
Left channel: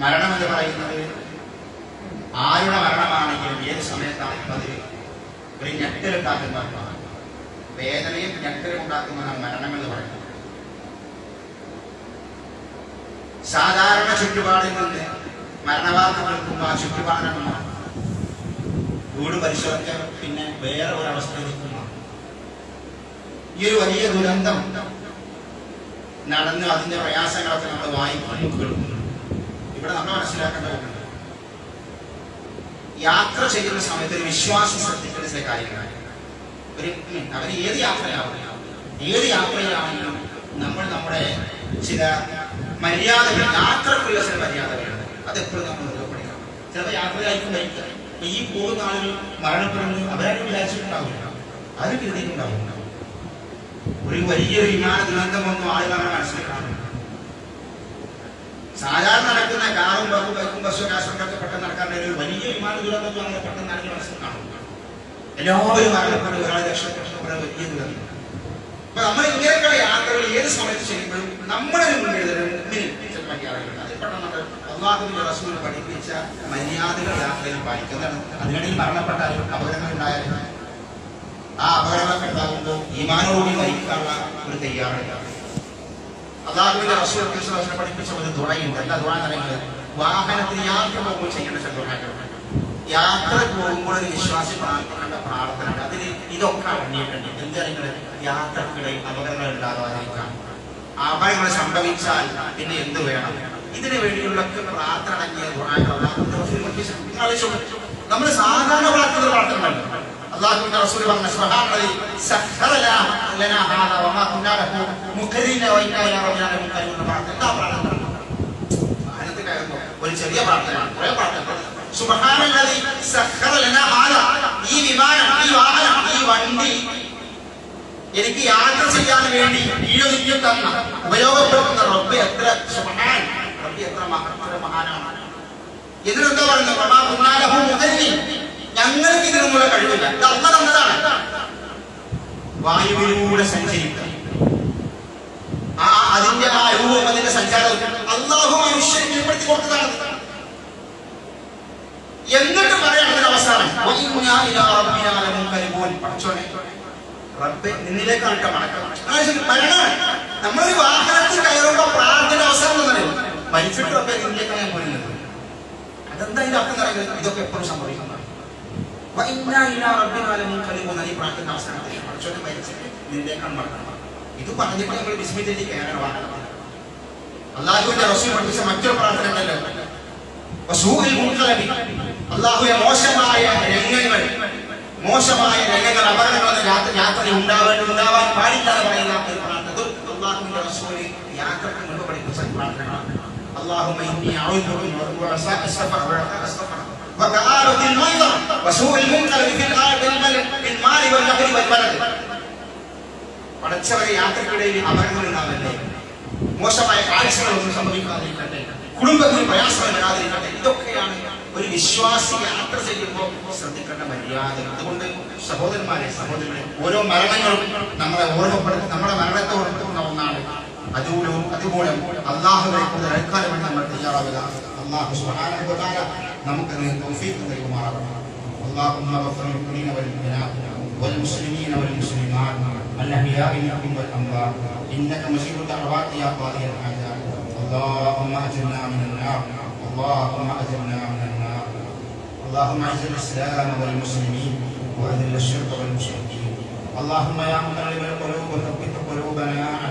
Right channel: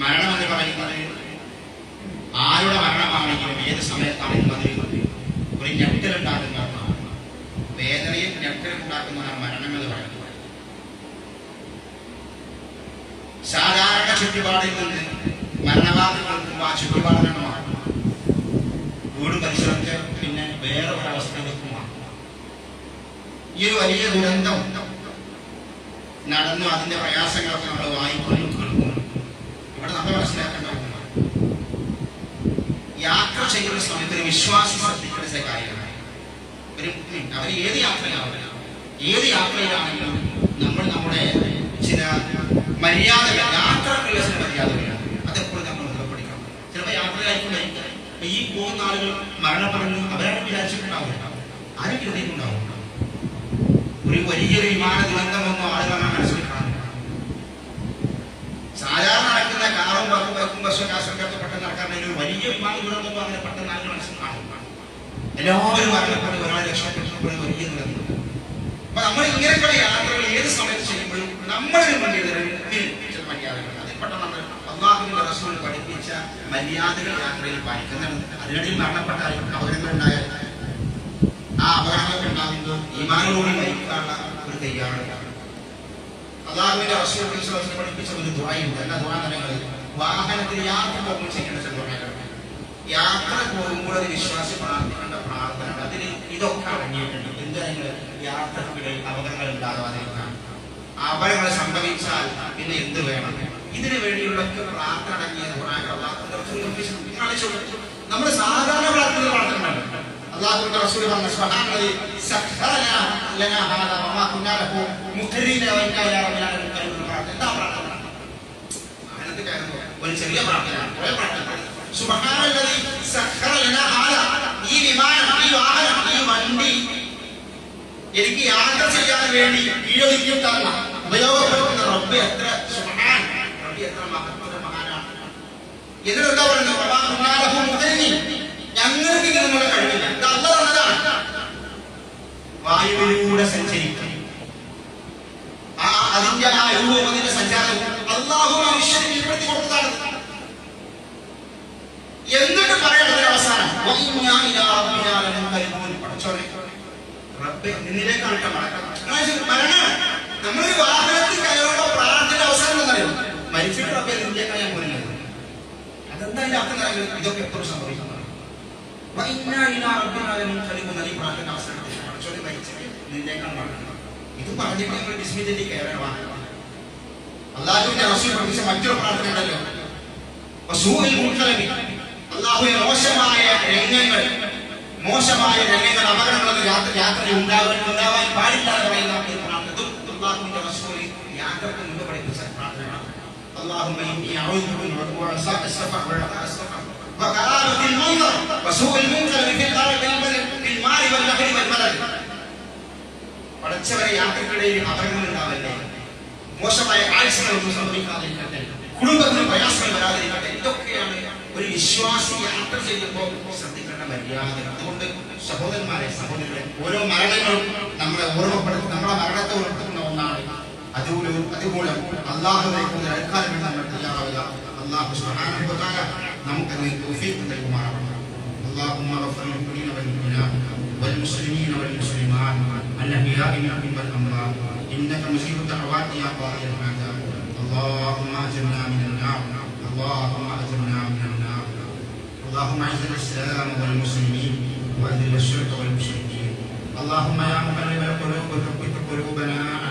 മരണം എന്ന് പറയുന്നത് ആരുടെ മരണമാണെങ്കിലും ഏത് സമയത്താണെങ്കിലും അത് ഒരു ഞെട്ടലുണ്ടാക്കുന്നതാണ്. വേദനയും ഞെട്ടലും ഉണ്ടാക്കുന്നതാണ് മരണം എന്ന് പറയുന്നത്. സാധാരണ ചുറ്റുപാടിൽ നിന്ന് മരണവാർത്ത കേൾക്കുമ്പോൾ ആ ചുറ്റുപാടിനാണ് മാറും. വീട് പരിശോധിച്ച പിന്നെ വേറെ ഒരവസ്ഥയിലേക്ക് മാറും. ഈ ഒരു വലിയ ദുരന്തം നടന്നു, അതിന്റെ പ്രയാസങ്ങളൊക്കെ നമ്മൾ വായിക്കുന്നു, കേൾക്കുന്നു. ഇവിടെ നമ്മൾ മനസ്സിലാക്കേണ്ട ഒന്നുണ്ട്, യാത്ര ചെയ്യുന്ന സമയത്ത് ഒരു വിശ്വാസം ശ്രദ്ധിക്കേണ്ട ചില കാര്യങ്ങളാണ്. അവന് ഏത് യാത്രയിലാണെങ്കിലും നമ്മൾ നമ്മുടെ ചില മര്യാദകൾ, യാത്രക്കുള്ള ചില മര്യാദകളാണ്, അതെപ്പോഴും നമ്മൾ മുതൽപ്പിടിക്കണം. ചിലപ്പോൾ യാത്രയായിരിക്കും വരിക. അപ്പൊ ഈ പോകുന്ന ആളുകൾ മരണപ്പെടുന്നു, അവരാരും വിചാരിച്ചിട്ടുണ്ടാവില്ല, ആരും കരുതിയിട്ടുണ്ടാവും. ഒരു വലിയൊരു വിമാന ദുരന്തം ഒന്നും ആളുകൾ അങ്ങനെ മനസ്സിൽ കാണുന്നില്ല. സാധാരണ നടക്കുന്ന കാറും ബൈക്കും ബസ്സും കാശൊക്കെ പെട്ടെന്ന് നടക്കാറുണ്ട്. ഒരു വലിയ വിമാന ദുരന്തമൊന്നും അങ്ങനെ പെട്ടെന്ന് ആളുകൾ മനസ്സിൽ കാണുന്നില്ല. എല്ലാവരും മരണപ്പെട്ടു, ഒരാൾ രക്ഷപ്പെട്ടു, വലിയ ദുരന്തം. അപ്പൊ നമ്മൾ ഇങ്ങനെയൊക്കെയുള്ള യാത്രകൾ ഏത് സമയത്ത് ചെയ്യുമ്പോഴും നമ്മളൊരു മുന്നിൽ ചില മര്യാദകൾ, അതിൽ പെട്ടെന്ന് നമ്മൾ അല്ലാഹുവിന്റെ റസൂൽ പഠിപ്പിച്ച മര്യാദകൾ യാത്രയിൽ പാലിക്കുന്നതാണ്. അതിനിടയിൽ മരണപ്പെട്ടാലും അപകടങ്ങൾ ഉണ്ടായാലും ആ അപകടങ്ങളൊക്കെ ഉണ്ടാകുമ്പോൾ ഈമാനോടുകൂടി മരിക്കാനുള്ള ഒരു തയ്യാറെടുപ്പാണ്. അല്ലാഹുവിന്റെ റസൂൽ പഠിപ്പിച്ച ഒരു ദുആയുണ്ട്. എന്താ ദുആ എന്ന് പറയുന്നത്? വാഹനത്തിൽ യാത്ര പോകുമ്പോൾ ചെയ്യേണ്ട ചില ദുആകളുണ്ട്. യാത്ര പോകുമ്പോൾ ഒരു വിശ്വാസി പ്രാർത്ഥിക്കേണ്ട പ്രാർത്ഥനയാണ്. അതിൽ ഇതൊക്കെ അടങ്ങിയിട്ടുണ്ട്. എന്തെങ്കിലും യാത്രക്കിടയിൽ അപകടങ്ങൾ ഉണ്ടാകാതിരിക്കാൻ, അപകടങ്ങൾ സംഭവിച്ചാൽ പിന്നെ എന്ത് വേണം, ഇതിനു വേണ്ടിയുള്ള പ്രാർത്ഥന അടങ്ങിയ നമ്മൾ സാധാരണ പ്രാർത്ഥന പ്രാർത്ഥനയുണ്ട്. അല്ലാഹുവിന്റെ റസൂൽ പറഞ്ഞു, സുബ്ഹാനല്ലാഹി സഖറ ലനാ ഹാദാ വമാ കുന്നാ ലഹു മുഖരിന വഇന്നാ ഇലാ റബ്ബിനാ ലമുൻഖലിബൂൻ. എന്താ പ്രാർത്ഥന? വാഹനത്തിൽ കയറുമ്പോൾ ഒരു ചെറിയ പ്രാർത്ഥനയാണ്, കുറേ പ്രാർത്ഥന. സുബ്ഹാനല്ലാഹി സഖറ ലനാ ഹാദാ, ഈ വിമാനം, ഈ വാഹനം, ഈ വണ്ടി എനിക്ക് യാത്ര ചെയ്യാൻ വേണ്ടി ഈയൊരിക്കും തന്ന, ഉപയോഗപ്പെടുത്തുന്ന റബ്ബ് എത്ര സുബ്ഹാൻ, റബ്ബ് എത്ര മഹാനാണ്. ഇതിനെന്താ പറയുന്നത്? വമാ കുന്നാ ലഹു മുഖരിൻ, ഞങ്ങൾക്ക് ഇതിനുള്ള കഴിവില്ല, ഇത് അല്ലാഹ് തന്നതാണ്. വായുവിലൂടെ സഞ്ചരിക്കും, അതിന്റെ ആ രൂപം, അതിന്റെ സഞ്ചാരം അല്ലാഹു മനുഷ്യന് കീഴ്പ്പെടുത്തി കൊടുത്തതാണ്. എന്നിട്ട് പറയണം അതിന്റെ അവസാനം, പഠിച്ചോനെ റബ്ബേ നിന്നിലേക്കാണ് മടക്കണം. നമ്മളൊരു വാഹനത്തിൽ കയറുമ്പോ പ്രാർത്ഥന അവസാനം എന്നറിയും, മരിച്ചിട്ട് റബ്ബേ നിന്നിലേക്കാണ് ഞാൻ പോരുന്നത്. അതെന്താ അതിന്റെ അർത്ഥം പറയുന്നത്? ഇതൊക്കെ എപ്പോഴും സംഭവിക്കുന്നതാണ്. ഈ പ്രാർത്ഥന അവസാനത്തിൽ പഠിച്ചോനെ മരിച്ചിട്ട് നിന്നിലേക്കാണ് മടക്കണം. ഇത് പറഞ്ഞിട്ട് നമ്മൾ വിസ്മിതയിൽ കയറാൻ വാഹനമാണ്. അല്ലാഹുവിന്റെ റസൂൽ പഠിപ്പിച്ച മറ്റൊരു പ്രാർത്ഥന ഉണ്ടല്ലോ, അല്ലാഹുവേ മോശമായ രംഗങ്ങൾ, അപകടങ്ങളൊന്നും യാത്രയിൽ ഉണ്ടാവാൻ പാടില്ല എന്ന് പറയുന്ന ഒരു പ്രാർത്ഥന അല്ലാഹുവിന്റെ റസൂൽ യാത്രക്ക് മുൻപ് പഠിപ്പിച്ച പ്രാർത്ഥനകളാണ്. اللهم إني أعوذ بك من وعثاء السفر ورثاء السفر وكآبة المنظر وسوء المنقلب في المال والبحر والبلد. പഠിച്ചവരെ യാത്രക്കിടയിൽ അപകടങ്ങൾ ഉണ്ടാവല്ലേ, മോശമായ കാഴ്ചകളൊന്നും സംഭവിക്കാതിരിക്കട്ടെ, കുടുംബത്തിന് പ്രയാസങ്ങൾ വരാതിരിക്കട്ടെ. ഇതൊക്കെയാണ് ഒരു വിശ്വാസി യാത്ര ചെയ്യുമ്പോൾ ശ്രദ്ധിക്കേണ്ട മര്യാദ. അതുകൊണ്ട് സഹോദരന്മാരെ, സഹോദരികളെ, ഓരോ മരണങ്ങളും നമ്മളെ ഓർമ്മപ്പെടുത്തി, നമ്മുടെ മരണത്തെ ഓർമ്മപ്പെടുത്തുന്ന ഒന്നാണ്. അതുമൂലം അല്ലാഹുവിനെ കൂടുതൽ അടുക്കാൻ വേണ്ടി നമ്മൾ തയ്യാറാവുക. അല്ലാഹു സുബ്ഹാനഹു വ തആല നമുക്ക് തൗഫീഖ് നൽകുമാറാവട്ടെ. اللهم اغفر للمؤمنين والمؤمنات والمسلمين والمسلمات الأحياء منهم والأموات إنك مجيب الدعوات يا قاضي الحاجات. اللهم أجرنا من النار، اللهم أجرنا من النار. اللهم أعز الإسلام والمسلمين وأذل الشرك والمشركين اللهم يا مقلب القلوب ثبت قلوبنا